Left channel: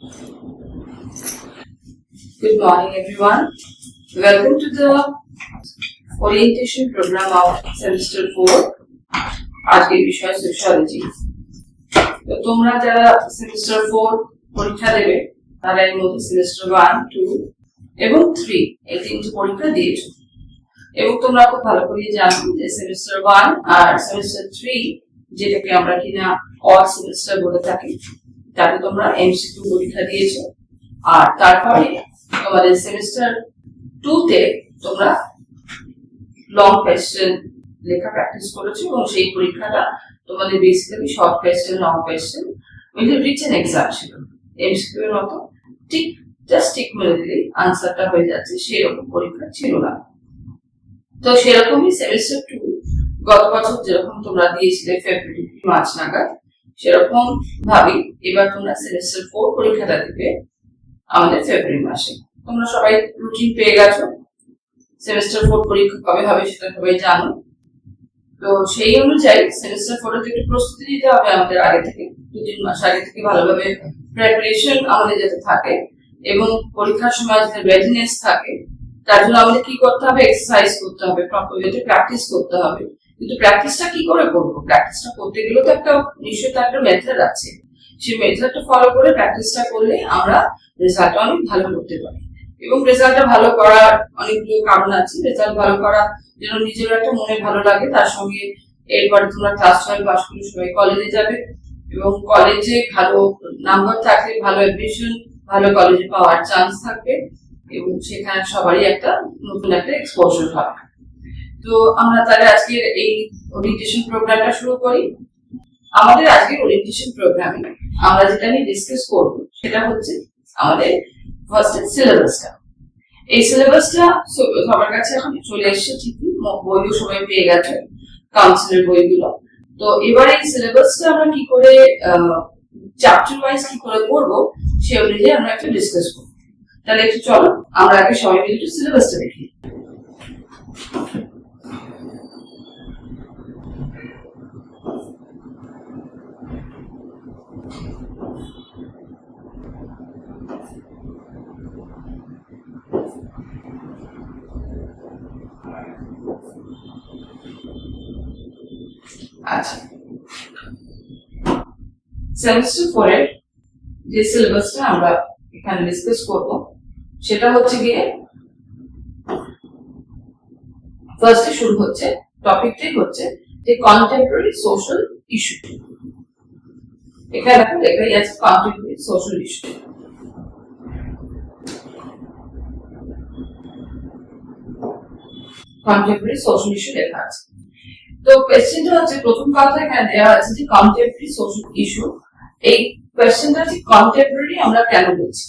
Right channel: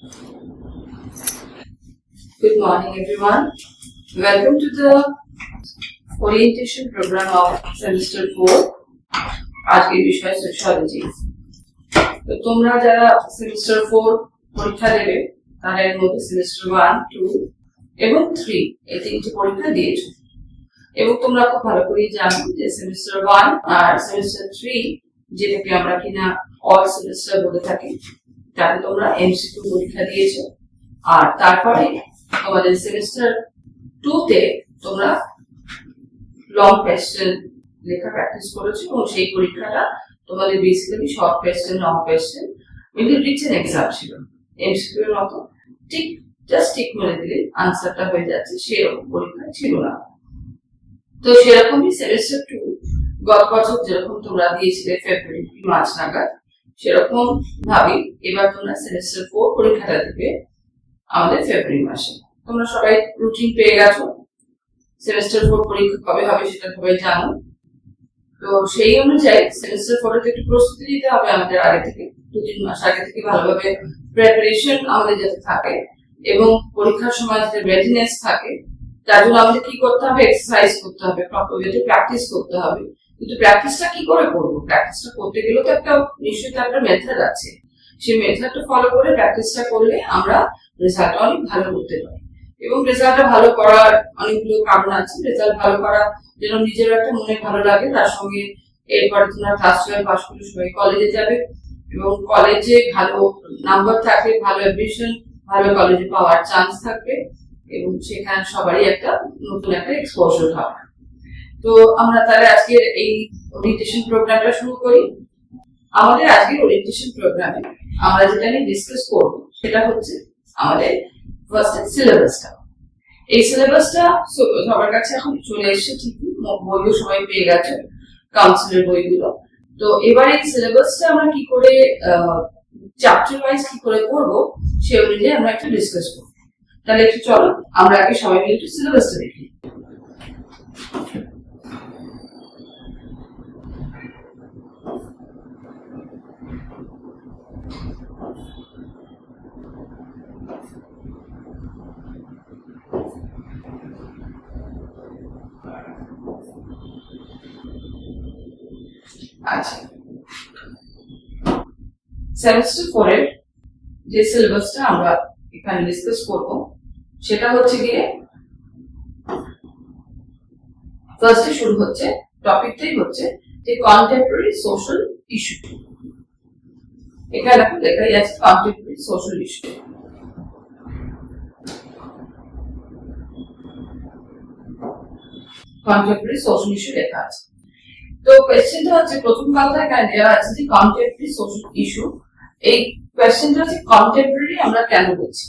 Good morning, everyone. Welcome to the orientation program of semester 4. আজকের বিষয় sociology. তো তোমরা যারা সেমিস্টার 4 পরীক্ষা দেবে তারা এর মধ্যে সেমিস্টার 1, 2 এবং 3 এই তিনটি পরীক্ষা দিয়েছো। এবং তোমরা খুব ভালো করে জানো যে সেমিস্টার 1 আর সেমিস্টার 3 যেটাকে আমরা কিনা অল সেমিস্টার বলে থাকি, তাতে তোমরা এমসিকিউ পরীক্ষা দিয়েছো। আর তারপরে তোমাদের সেমিস্টার 2 তে তোমরা লং কোয়েশ্চেন লেখা প্র্যাকটিস করেছো এবং সেই পরীক্ষাটা তোমাদের basically short question, long question মিলে রিটেন এক্সাম ছিল। এমসিকিউ এর মতো জাস্ট টিক মেরে দিলেই আনসারটা হয়ে যাচ্ছে, সেরকম পরীক্ষা ছিল না। তো সেরকমই সেমিস্টার 2 গত বছর যেরকম তোমরা দিয়েছিলে ফেব্রুয়ারি মার্চ নাগাদ, সেরকম ভাবেই এবার তোমরা সেমিস্টার 4 পরীক্ষাটা দিবে আমাদের ফেব্রুয়ারি মাসে। তোমরা সবাই রুটিন পেয়ে গেছো, সেমিস্টার 4 পরীক্ষা কবে হবে সেটা সবাই জানো। তো সেই অনুযায়ী সেমিস্টার 4 এর একটু প্রস্তুতি নিতে হবে আমাদের আগে থেকে, 2-3 মাস আগে থেকে ভালোভাবে প্রিপারেশন আমাদের যাতে থাকে এবং পরীক্ষার সময় যাতে রেডিনেস থাকে, তার জন্য আমাদের কি করতে হবে, এক্সারসাইজ করতে হবে, প্রপার ওয়েতে প্র্যাকটিস করতে হবে। কিন্তু প্র্যাকটিসটা কি করে করবো? প্র্যাকটিসটা করতে গেলে তো একটা নিশ্চয়ই একটা মেথড আছে। সেই মেথডটা ফলো করে প্র্যাকটিসটা করলে আমরা রেজাল্টটা অনেক ভালো করতে পারি। এবং রেজাল্টটা ভালো করার অনেকগুলো কারণ আছে। রেজাল্ট ভালো করা যেন নিজের একটা মনে ভালো লাগে, তার সঙ্গে এরপরে তোমরা ক্লাস 12 পাস করে সবাই কলেজে যাবে এবং কলেজে ভালো নাম্বার থাকলে ভালো অ্যাডমিশন, ভালো কলেজে পাওয়ার চান্স থাকবে এবং সেখানে সবারই একটা নতুন একটা এক্সপোজার হবে। তো আমরা তাহলে আজকের এই ওরিয়েন্টেশন প্রোগ্রামটা শুরু করি। আমাদের আজকের ওরিয়েন্টেশন প্রোগ্রামে আমরা যেটা নিয়ে ডিসকাস করব সেটা হচ্ছে আমাদের ফার্স্ট সিলেবাসটা। এই সিলেবাসটা সবার কাছে এখন চলে এসেছে, ঠিকই বইও সবাই পেয়ে গেছে, কাউন্সিলের বইগুলো। তো এবার এই সিলেবাসটা আমরা কি করে চ্যাপ্টার ওয়াইজ কি করে করব সে অনুযায়ী আমরা একটা ডিসকাস করব। তাহলে একটু চলো আমরা আগে সবাই মিলে একটু সিলেবাসটা দেখি। আচ্ছা, সেমিস্টার 4 এর যে সিলেবাসটা আমরা এখানে ডিসকাস করব সেটা হচ্ছে গিয়ে ফার্স্টে শুরু হচ্ছে, টপিকটাই হচ্ছে যে কন্টেম্পোরারি সোশ্যাল ইস্যু। এখানে দেখো লেখাই আছে contemporary social issue. Contemporary social issue লেখা আছে। তো কোয়েশ্চেনটা হচ্ছে, প্রথম কথা এখানে দেওয়া আছে যে কন্টেম্পোরারি সোশ্যাল ইস্যু। এই কোয়েশ্চেনটা হচ্ছে কন্টেম্পোরারি আমরা কেন বলছি?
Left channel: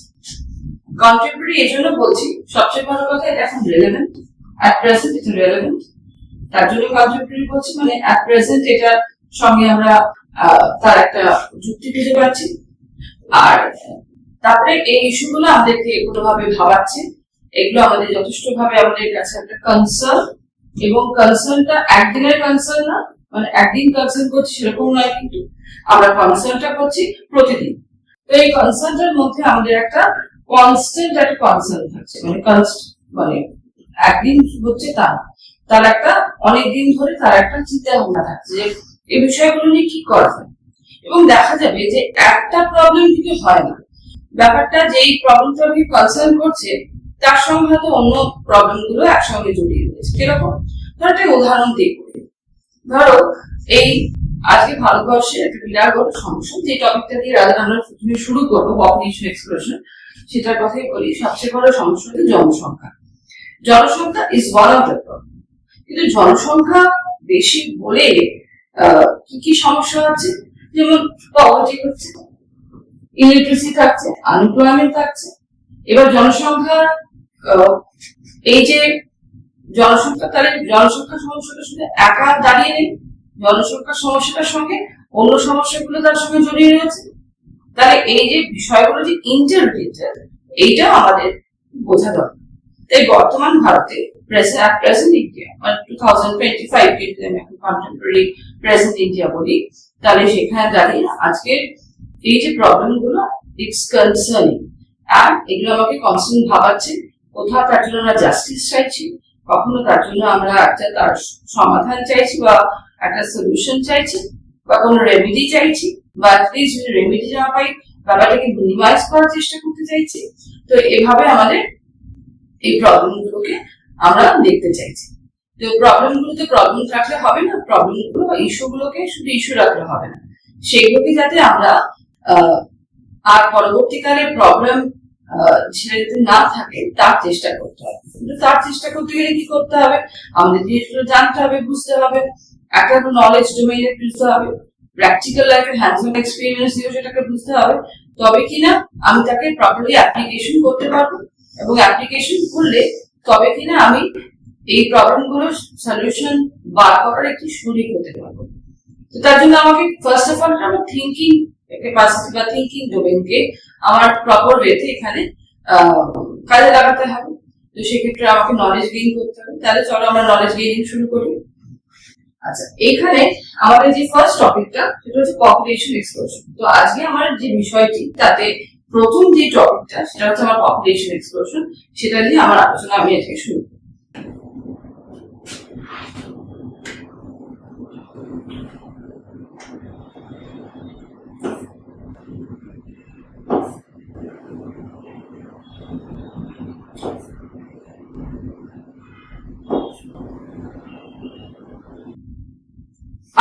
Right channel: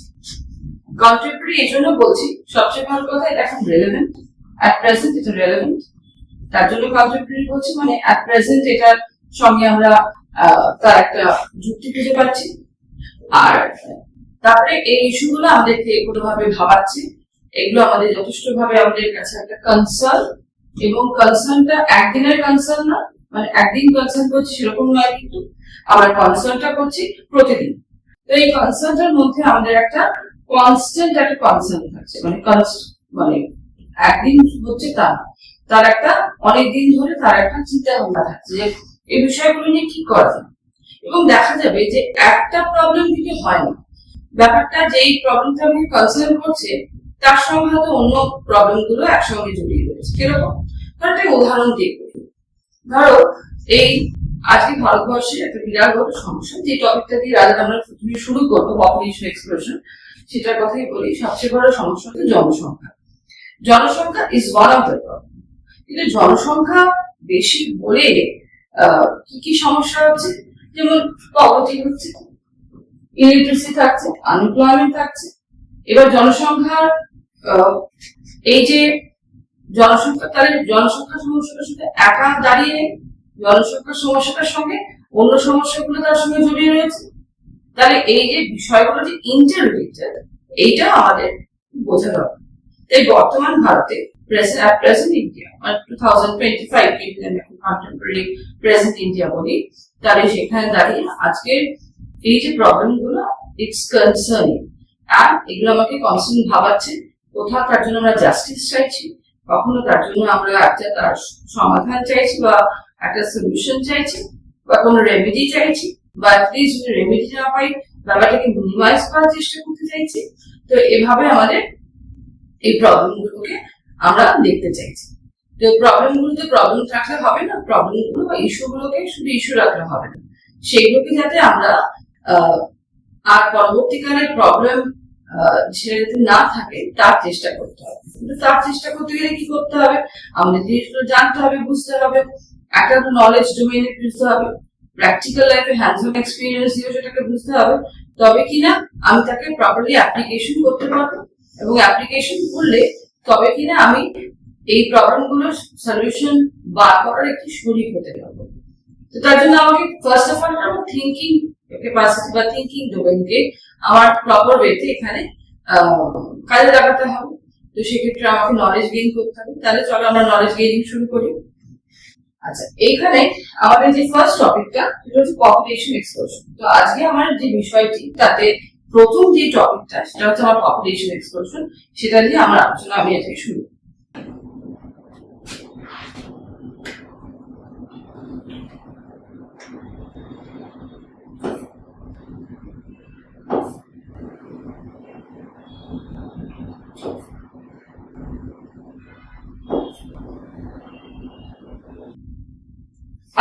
কন্টেম্পোরারি এই জন্য বলছি, সবচেয়ে ভালো কথা এটা এখন রেলেভেন্ট, অ্যাট প্রেজেন্ট এটা রেলেভেন্ট, তার জন্য কন্টেম্পোরারি বলছি। মানে অ্যাট প্রেজেন্ট এটার সঙ্গে আমরা তার একটা যুক্তি খুঁজে পাচ্ছি। আর তারপরে এই ইস্যুগুলো আমাদেরকে কোনোভাবে ভাবাচ্ছে, এগুলো আমাদের যথেষ্ট ভাবে আমাদের কাছে একটা কনসার্ন, এবং কনসার্নটা একদিনের কনসার্ন না, মানে একদিন কনসার্ন করছি সেরকম নয়, কিন্তু আমরা কনসার্নটা করছি প্রতিদিন। তো এই কনসার্নটার মধ্যে আমাদের একটা কনস্ট্যান্ট একটা কনসার্ন থাকছে, মানে একদিন হচ্ছে তার একটা অনেকদিন ধরে তার একটা চিন্তা ভাবনা থাকছে যে এই বিষয়গুলো নিয়ে কি করা যায়। এবং দেখা যাবে যে একটা প্রবলেম থেকে হয় না, ব্যাপারটা যেই প্রবলেমটা আমাকে কনসার্ন করছে তার সঙ্গে হয়তো অন্য প্রবলেম গুলো একসঙ্গে জড়িয়ে রয়েছে। কিরকম? ধরো একটা উদাহরণ দিয়ে করি। ধরো এই আজকে ভারতবর্ষের একটা বিরাট বড় সমস্যা, যে টপিকটা দিয়ে আমরা প্রথমে শুরু করবো, পপুলেশন এক্সপ্লোশন, সেটার কথাই বলি। সবচেয়ে বড় সমস্যা হচ্ছে জনসংখ্যা। জনসংখ্যা is one of the problem. কিন্তু জনসংখ্যা বেশি বলে কি কি সমস্যা আছে? যেমন পভার্টি হচ্ছে, ইলিটারেসি থাকছে, আনএমপ্লয়মেন্ট থাকছে। এবার জনসংখ্যার এই যে জনসংখ্যা, তাহলে জনসংখ্যার সমস্যাটা শুধু একা দাঁড়িয়ে নেই, জনসংখ্যার সমস্যাটার সঙ্গে অন্য সমস্যাগুলো তার সঙ্গে জড়িয়ে রয়েছে। তাহলে এই যে বিষয়গুলো যে ইন্টাররিলেটেড, এইটাও আমাদের বোঝা দরকার। তাই বর্তমান ভারতে প্রেজেন্ট ইন্ডিয়া মানে 2025 কে যদি আমি এখন কন্টেম্পোরারি প্রেজেন্ট ইন্ডিয়া বলি, তাহলে সেখানে দাঁড়িয়ে আজকের এই যে প্রবলেম গুলো, ইটস কনসার্নিং, অ্যান্ড এগুলো আমাকে কনস্ট্যান্ট ভাবাচ্ছে। কোথাও তার জন্য আমরা জাস্টিস চাইছি, কখনো তার জন্য আমরা একটা তার সমাধান চাইছি বা একটা সলিউশন চাইছি বা কোনো রেমেডি চাইছি, বা অ্যাটলিস্ট যদি রেমেডি না পাই ব্যাপারটাকে মিনিমাইজ করার চেষ্টা করতে চাইছি। তো এভাবে আমাদের এই প্রবলেমগুলোকে আমরা দেখতে চাইছি। তো প্রবলেমগুলোতে প্রবলেম রাখলে হবে না, প্রবলেমগুলো বা ইস্যুগুলোকে শুধু ইস্যু রাখলে হবে না, সেগুলোকে যাতে আমরা আর পরবর্তীকালে প্রবলেম সেটা যাতে না থাকে তার চেষ্টা করতে হবে। তার চেষ্টা করতে গেলে কি করতে হবে, আমাদের জিনিসগুলো জানতে হবে, বুঝতে হবে, একটা নলেজ ডোমেইনে বুঝতে হবে, প্র্যাকটিক্যাল লাইফে হ্যান্ডস অন এক্সপিরিয়েন্স দিয়ে সেটাকে বুঝতে হবে। তবে কিনা আমি তাকে প্রপারলি অ্যাপ্লিকেশন করতে পারবো, এবং অ্যাপ্লিকেশন করলে তবে কিনা আমি এই প্রবলেমগুলোর সলিউশন বার করার একটি শরিক হতে পারবো। তো তার জন্য আমাকে ফার্স্ট অফ অল আমার থিঙ্কিং ক্যাপাসিটি বা থিঙ্কিং ডোমেইনকে আমার প্রপার ওয়েতে এখানে কাজে লাগাতে হবে। তো সেক্ষেত্রে আমাকে নলেজ গেইন করতে হবে। তাহলে চলো আমরা নলেজ গেইনিং শুরু করি। আচ্ছা, এইখানে আমাদের যে ফার্স্ট টপিকটা সেটা হচ্ছে পপুলেশন এক্সপ্লোশন। তো আজকে আমার যে বিষয়টি তাতে প্রথম যে টপিকটা সেটা হচ্ছে আমার পপুলেশন এক্সপ্লোশন, সেটা নিয়ে আমার আলোচনা আমি আজকে শুরু করি।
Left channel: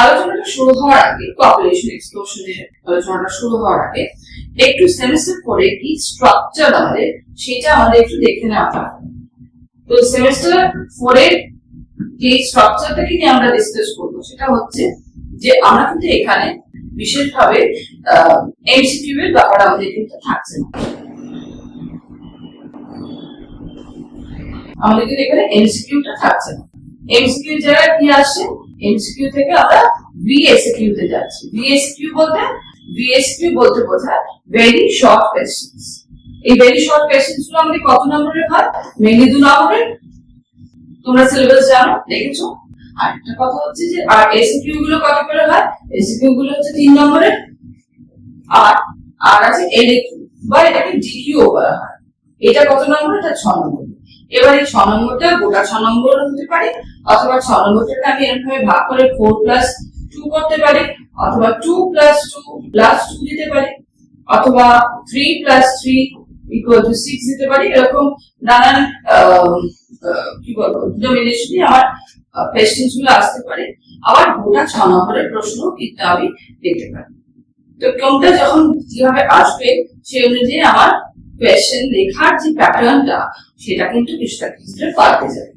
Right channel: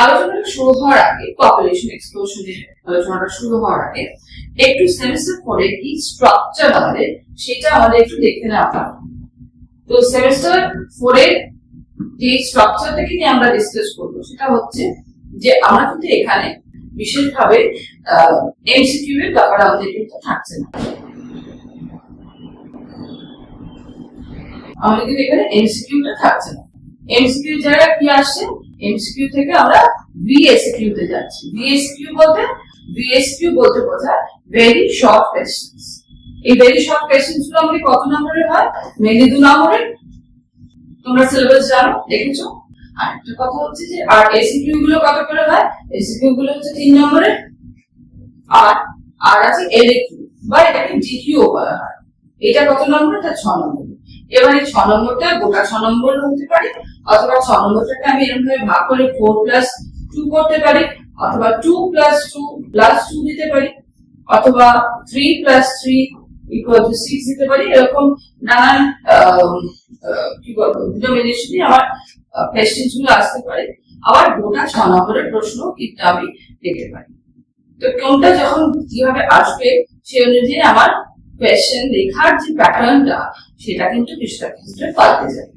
আলোচনাটা শুরু হওয়ার আগে, পপুলেশন এক্সপ্লোশনের আলোচনাটা শুরু হওয়ার আগে একটু সেমিস্টার 4 এর কি স্ট্রাকচার আমাদের সেটা আমাদের একটু দেখে নেওয়া হয়। তো সেমিস্টার 4 এর যে স্ট্রাকচারটাকে নিয়ে আমরা ডিসকাস করবো সেটা হচ্ছে যে আমরা কিন্তু এখানে বিশেষভাবে এমসিকিউ এর ব্যাপার আমাদের কিন্তু থাকছে না। আমাদের কিন্তু এখানে এমসিকিউটা থাকছে না। এমসিকিউ জায়গায় কি আসছে, এমসিকিউ থেকে আমরা ভিএসকিউ তে যাচ্ছি। ভিএসকিউ বলতে বোঝায় ভেরি শর্ট কোয়েশ্চেন্স। এই ভেরি শর্ট কোয়েশ্চেন্স গুলো আমাদের কত নম্বরের হয়? মেইনলি 2 নম্বরের। তোমরা সিলেবাস জানো, দেখেছো। আর একটা কথা হচ্ছে যে আর এসকিউ গুলো কত করে হয়? এসকিউ গুলো হচ্ছে 3 নম্বরের। আর আছে এলকিউ বা এটাকে জিকিউ বলা হয়। এটা কত নম্বর? এটা 6 নম্বর। এবার এই 6 নম্বরটা গোটা 6 নম্বর হতে পারে, অথবা 6 নম্বরটাকে আমি এরকম ভাবে ভাগ করে 4+2 করতে পারি, অথবা 2+2+2 দিতে পারি, অথবা 3+3 = 6 দিতে পারি। এরকম নানান কি বলবো ডিটারমিনেশন দিয়ে আমার কোয়েশ্চেনস গুলো আসতে পারে। আবার গোটা 6 নম্বরের প্রশ্ন কিন্তু আমি দেখতে পারি। তো কোনটা যখন কিভাবে আসবে সেই অনুযায়ী আমার কোয়েশ্চেন লেখার যে প্যাটার্নটা সেটা কিন্তু কিছুটা ক্ষেত্রে পাল্টে যাবে।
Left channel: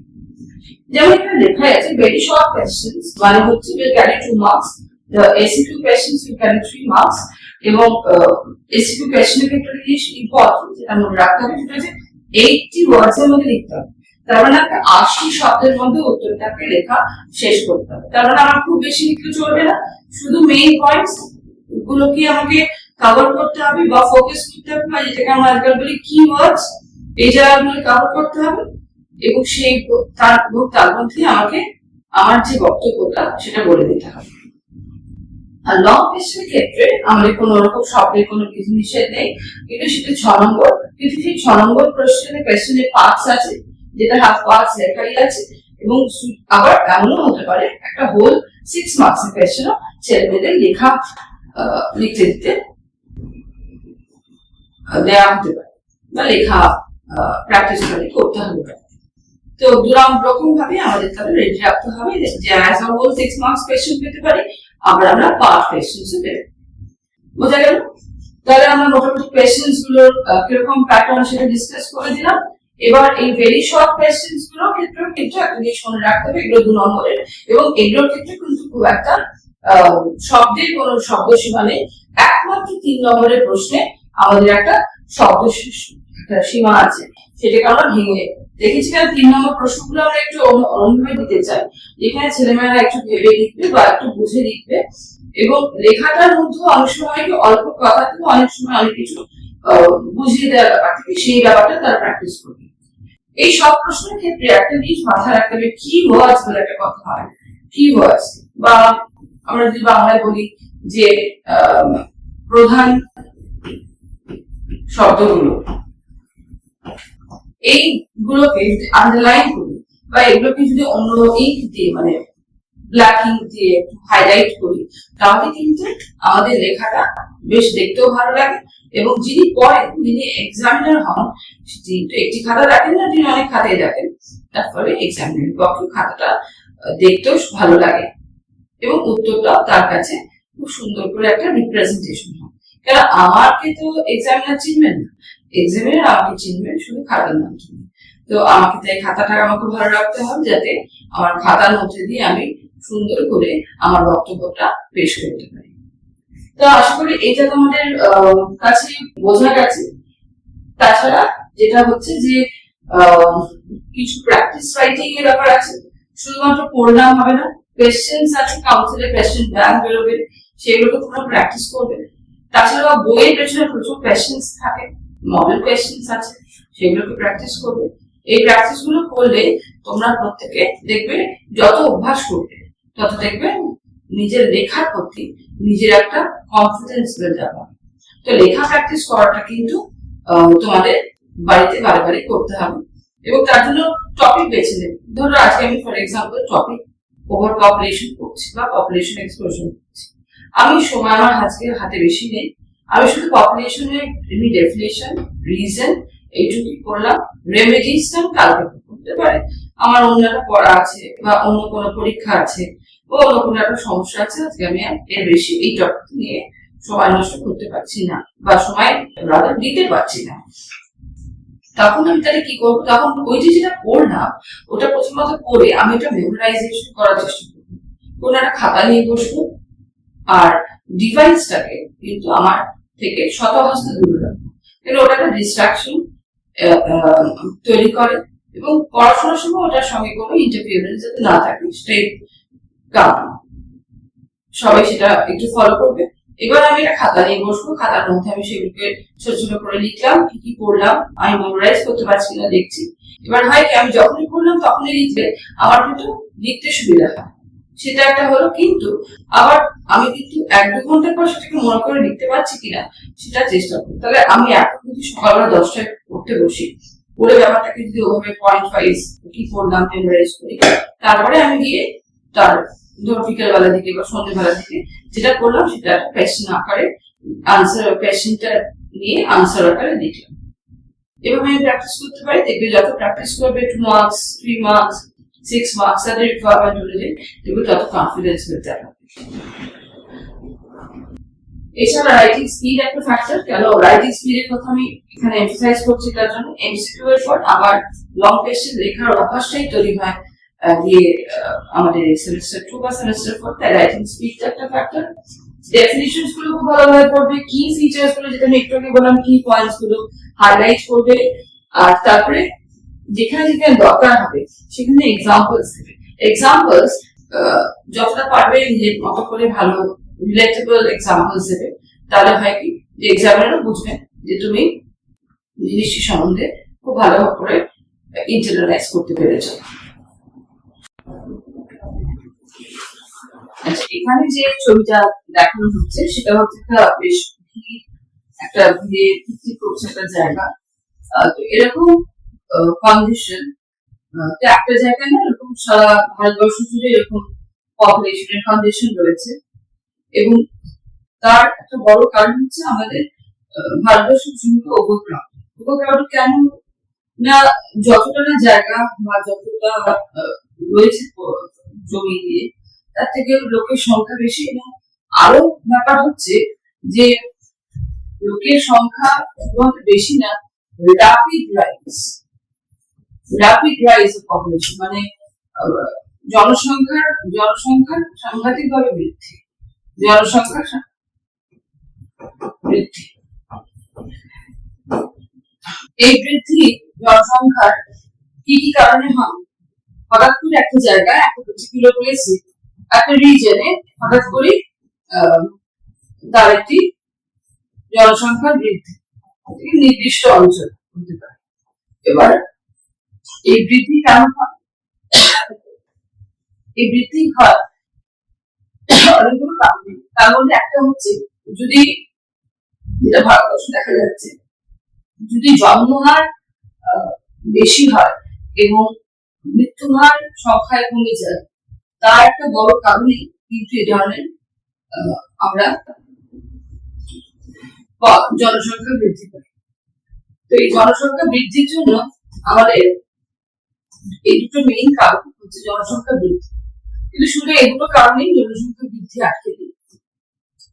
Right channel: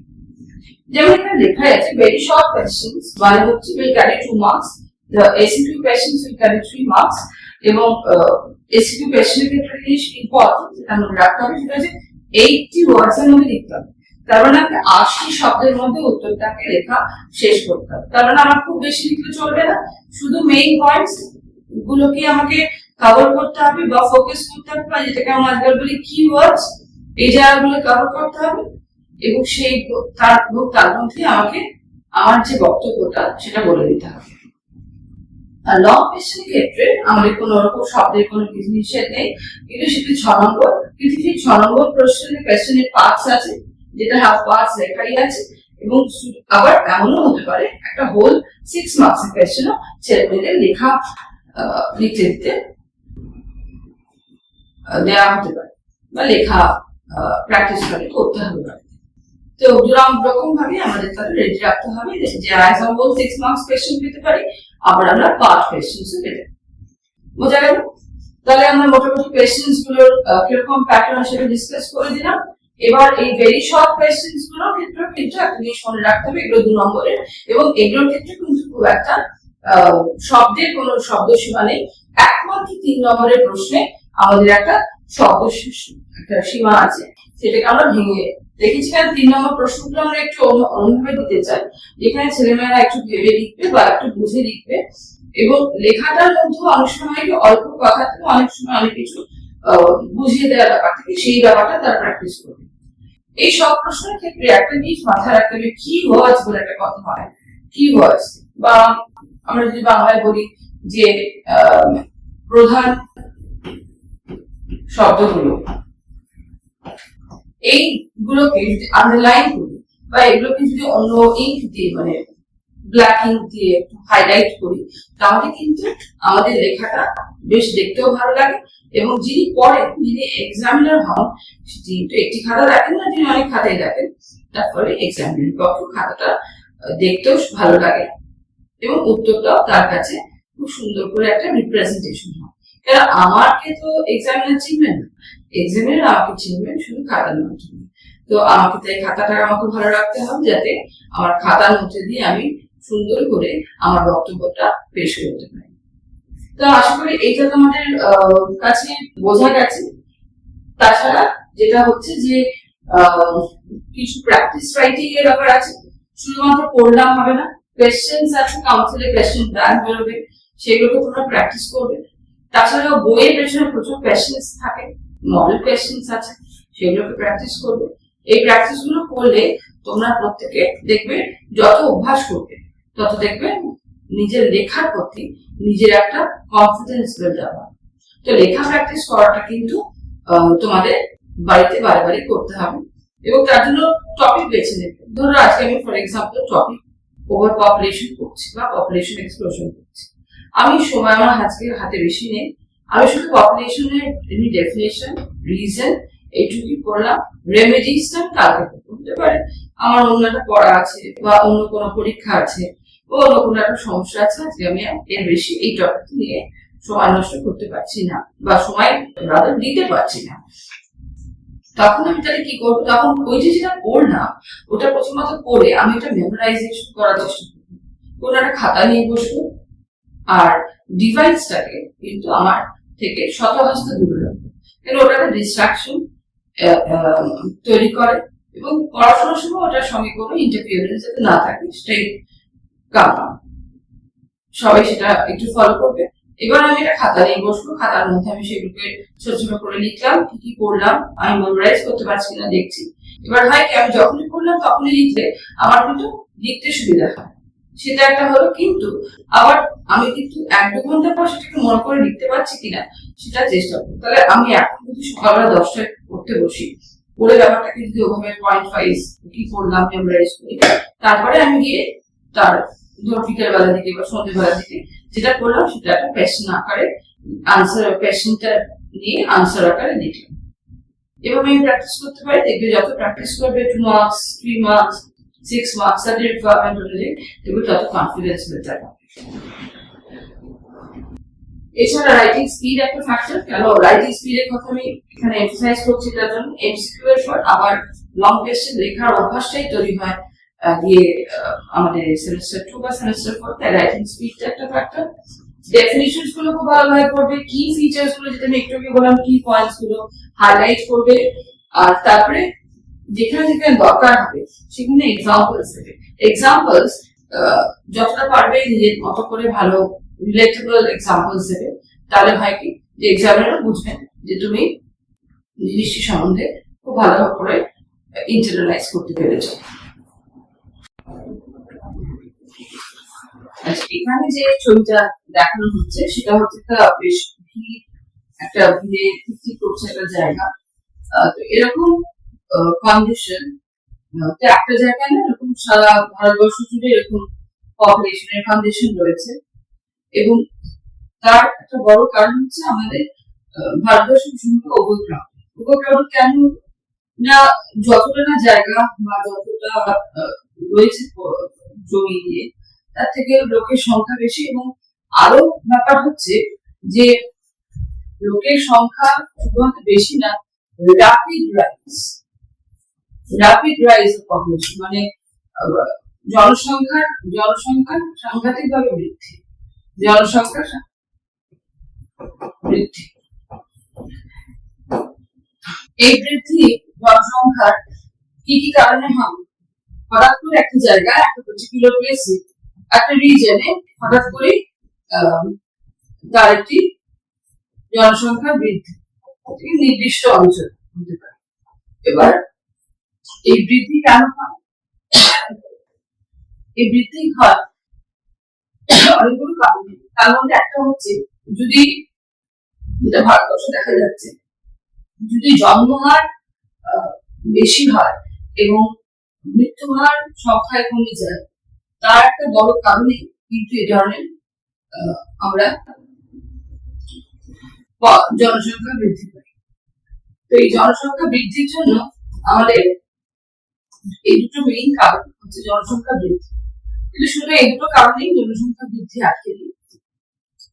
যেমন এখানে লেখা আছে ভেরি শর্ট কোয়েশ্চেন্স মানে হচ্ছে will carry 2 marks, the ACQ questions will carry 3 marks, এবং ACQ কোয়েশ্চেনের ক্ষেত্রে জিনিস ইম্পর্টেন্ট যেটা মনে রাখতে হবে সেটা হচ্ছে 80 ওয়ার্ডস এর মধ্যে লিখতে হবে। তার মানে 80 শব্দের মধ্যে উত্তরটাকে লেখা শেষ করতে হবে। তার মানে আমার খুব বেশি লিখলে চলবে না, শুধু মেইন পয়েন্টস গুলোকে আমাকে কভার করতে হবে বা ফোকাস করতে হবে, বা যেটাকে আমরা আজকাল বলি কিওয়ার্ডস, এই জায়গাগুলো কভার করতে হবে। এবং সেই তার মধ্যে আমাকে আমার যে বক্তব্যটা সেটা বলে দিতে হবে। আর লং কোয়েশ্চেনের ক্ষেত্রে আমাদের কোন রকম শব্দের কোনো বিধি নিষেধ নেই, কিন্তু সেটা 6 নম্বর। কিন্তু সেই 6 নম্বর কোয়েশ্চেনের পার্টস আছে, যেটা হাফ পার্টস লেখাই আছে। এবং আবার এমনও হতে পারে একটা হোল 6 মার্কস এর কোয়েশ্চেনও ছেলে মেয়েদের লিখতে দিতে দেওয়া হতে পারে, বা লেখা প্র্যাকটিস করতে হবে। তো রকম ভাবে আমাদের তাহলে রেডি রাখতে হবে যে as a whole 6 marks question পেতে পারি, আবার আমরা পার্ট কোয়েশ্চেনস পেতে। বোঝা গেল? তাহলে আমরা মোটামুটি কোয়েশ্চেনস গুলোর কিরকম প্যাটার্ন সেটা ডিসকাস করে দিলাম। এবার এই ভেরি শর্ট কোয়েশ্চেনস গুলোর ক্ষেত্রে কিন্তু একটা জিনিস মনে রাখতে হবে, এগুলো 2 নম্বরের, এবং এগুলোর ক্ষেত্রে কিন্তু খুব একটা শব্দের কোনো শব্দসীমা নেই। একমাত্র 3 নম্বরের প্রশ্নে আমাদের একটা শব্দ একটা সীমা আছে, সেটাকে আমরা ভেঙে দেখেছি। 3 নম্বর প্রশ্নগুলো আমরা একটু অন্যভাবে দিতে চাই, যেখানে ছেলেমেয়েরা একটু ভেবে লিখবে বা একটু বুঝে লিখবে, এবং লেখাটার মধ্যে অনেক সময় অল্প কথা থেকে অনেক সময় অনেক কিছু বুঝিয়ে দেওয়ার ব্যাপার থেকে সেই ব্যাপারটা তারা প্র্যাকটিস করবে। এই সব প্রশ্নের ক্ষেত্রে একটা জিনিস মাথায় রাখতে হবে, কি ওয়ার্ডস বলে একটা কথা হয়। কি ওয়ার্ডস, বা আমরা যদি বাংলায় বলি যে প্রধান শব্দগুলো এইগুলোকে যদি আন্ডারলাইন করি বা এগুলোকে যদি অন্য ইঙ্ক দিয়ে মানে ব্ল্যাক ইঙ্ক দিয়ে হাইলাইট করি তাহলে কিন্তু আমাদের লেখাটা বেশ দেখতেও ভালো লাগে এবং যিনি পড়েন যিনি এক্সামিনার হন তিনি তো একটি খাতা রাখেন না, তিনি অনেক খাতাই রাখেন, তারপরে এক্সামিনার পক্ষে খাতাটা দেখতেও ভালো লাগে এবং উত্তরটাও তার কাছে খুব সুন্দর করে একটা রিপ্রেজেন্টেশন হয়। কেন আমাকে তো এক্সামিনার চিনবেন না, এক্সামিনার আমাকে চিনবেন শুধু খাতার মাধ্যমে। তো আমাকে তাই খাতাটা আমাকে ভালো রাখতে হবে যাতে আমার খাতার মধ্যে দিয়ে আমি সুন্দর করে আমার বক্তব্যটা পেশ করতে পারি। তো আশা করি এটা তোমাদের কাছে বোঝা গেছে। তাছাড়া যেটা হচ্ছে যে কিছু প্র্যাকটিস রাইটিং এর ব্যাপার আছে, শুধুমাত্র পড়লাম হবে না, কোয়েশ্চেন্স আছে, কাউন্সিলের কোয়েশ্চেন ব্যাংক বেরোবে, সেগুলোকে তোমরা প্র্যাকটিস করবে। তাছাড়া বইয়ের পেছনে প্রচুর কোয়েশ্চেন্স থাকে, মডেল কোয়েশ্চেন্স আছে, সেগুলোকে প্র্যাকটিস করবে। এই প্র্যাকটিস গুলো করলে তোমরা প্রত্যেকে দেখবে যত অভ্যাস করবে তত দেখবে নিজের লেখার প্রতি নিজের একটা কনফিডেন্স বিল্ড হবে। তো লেখা প্র্যাকটিস করাটা কিন্তু তোমাদের বাড়িতে বারে বারে করতে হবে এবং তার জন্য টপিক বেছে নেবে। ধরো আজকে আমি for example topic over population করছি বা পপুলেশন এক্সপ্লোশন করছি, আমি সময় আমার আজকে হাতে বেশি নেই, আমি শুধু পপুলেশনের ডেফিনেশন রিজন এইটুকুই করলাম, রেমেডিসটা কালকে করতে পারে, আমার অন্য একটা পড়া আছে বা অন্য কোনো পরীক্ষা আছে বা অন্য কোনো একটা সমস্যা আছে, আজকে আমি এর বেশি এই টপিক নিয়ে সময় নষ্ট করতে পারছি না বা সময় দিতে পারছি না। তখন আমি তাহলে কি করবো, তখন ওই যে যেটা পড়লাম ওটা প্রথমত পড়ে আমি ওটা মেমোরাইজেশন করার চেষ্টা করবো, কোনো একটা খাতা নিয়ে বসবো আর ডিভাইসটাকে কিন্তু আমার থেকে শতহস্ত দূরে রাখবো, কিন্তু ওটা একটা ডিস্ট্রাকশন তৈরি করে এবং পড়াশোনার সময় ওটার সঙ্গে কোনো ইন্টারফিয়ারেন্স যাতে না থাকে সেটাই কারণ। সবাই সেটা একটু ফলো করবে। এবার আমি একটা খাতা নিয়ে বসবো, খাতার মধ্যে আমি সেগুলোকে ছোট ছোট করে লিখলাম, কি কি করলাম আমি মেমোরাইজ করতে পারছি না দেখছি। এবার হয় কি আমি যখনই করলাম তখনই লিখলে আমার কিন্তু লিখতে সুবিধা হয়, সেটা একটা হলো। কিন্তু আবার আমি কিন্তু 1-2 ঘন্টা পর সেটাকে মনে করে লিখতে পারছি কিনা সেটা চেষ্টা করি। তাহলে আমি এখন যদি সকালবেলা 10টায় পড়তে বসি, পড়ে ব্যাপারটাকে যদি ওভাবে পয়েন্ট ওয়াইজ কি করলাম মেমোরাইজ করি, তারপরে আমি গিয়ে তার ধরো বিকেল বেলার দিকে বা সন্ধ্যেবেলার দিকে যেটা করলাম সেটা একটা কোয়েশ্চেন আকারে আনসার, কোয়েশ্চেনটা নিয়ে আনসার আকারে লিখলাম। এভাবে আমি প্র্যাকটিস করতে পারি। দেখবে যত প্র্যাকটিস করবে 2 মার্কস 3 মার্কস 6 মার্কস তাদের রিকোয়ারমেন্ট অনুযায়ী দেখবে তত কনফিডেন্স বেড়ে যাবে। এছাড়া রাইটিং স্পিড একটা ফ্যাক্টর। কেন রাইটিং স্পিডের কথা আমি এখানে এমফাসাইজ করছি, তার জন্য এমসিকিউ এর পর আবার লং কোয়েশ্চেন লেখার অভ্যাসটাই তৈরি হয় দিয়ে আমাদের সেমিস্টার 2 বা সেমিস্টার 4, তাই রাইটিং স্পিডটা একটা ফ্যাক্টর। ডেফিনিশনস গুলো খুব ভালোভাবে পড়বে, কি ফিচার্স গুলো যেটা আমি একটু আগে বললাম কি পয়েন্টস গুলো হাইলাইট করবে, আর তারপরে যেখানে যেখানে দরকার হবে সেখানে এক্সাম্পলস দেবে। এক্সাম্পলস যতটা পারবে নিজের মতো করে ভালো রিলেটেবল এক্সাম্পলস দেবে, তাহলে হয় কি যে এক্সামিনারও বুঝবেন যে তুমি জিনিসটি সম্বন্ধে খুব ভালো করে ইন্টারনালাইজ করতে পেরেছো। আচ্ছা, এখানে যে ছবিটা দেখানো হচ্ছে সেটা হচ্ছে একটা বেশ একটা ভিড়ে ভিত্তি করছে একটা জায়গা। তো এরকম কন্ডিশন তো একটা জায়গায় না, এরকম সারা ভারতবর্ষ জুড়ে এরকম পপুলেশনের কন্ডিশন রয়েছে এবং তার একটা বড় কারণ হচ্ছে আমাদের ভারতবর্ষ ভীষণ ওভারক্রাউডেড। কেন না, যতটা না জায়গা বা যতটা রয়েছে জমি দিয়ে তার থেকে লোকের সংখ্যা বেশি, এবং আরো ব্যাপার হচ্ছে যে লোকের সংখ্যা শুধুমাত্র বেশি না, র্যাপিড রাইজ অফ পপুলেশন, মানে জনসংখ্যার সাংঘাতিক ভাবে বৃদ্ধি, জনসংখ্যার বৃদ্ধি। এই বৃদ্ধি জনসংখ্যার কি কি কারণে হয়? হঠাৎ করে একটা জায়গায় একটা পার্টিকুলার প্লেসে একটা রিজনে হঠাৎ করে তার একটি জনসংখ্যার বৃদ্ধি নির্দিষ্ট অঞ্চল হতে পারে। এবার এই বৃদ্ধি কেন হয়? এই বৃদ্ধি হয় অনেকগুলো কারণে। তার মধ্যে একটা হচ্ছে, যদি যেটা ভারতবর্ষে দেখা যাচ্ছে যদি জন্মহার বেশি হয় এবং মৃত্যুহার সংখ্যায় কমে যায়, তার একটা বড় কারণই কিন্তু এই ধরনের আমরা জনসংখ্যা বৃদ্ধি পাই। তো এই জনসংখ্যা বৃদ্ধির জন্য আমাদের এই দুটো মেইন কারণ হচ্ছে জনসংখ্যা বৃদ্ধি। কিন্তু শুধু এই দুটো কারণেই জনসংখ্যা বৃদ্ধি আটকে দিই।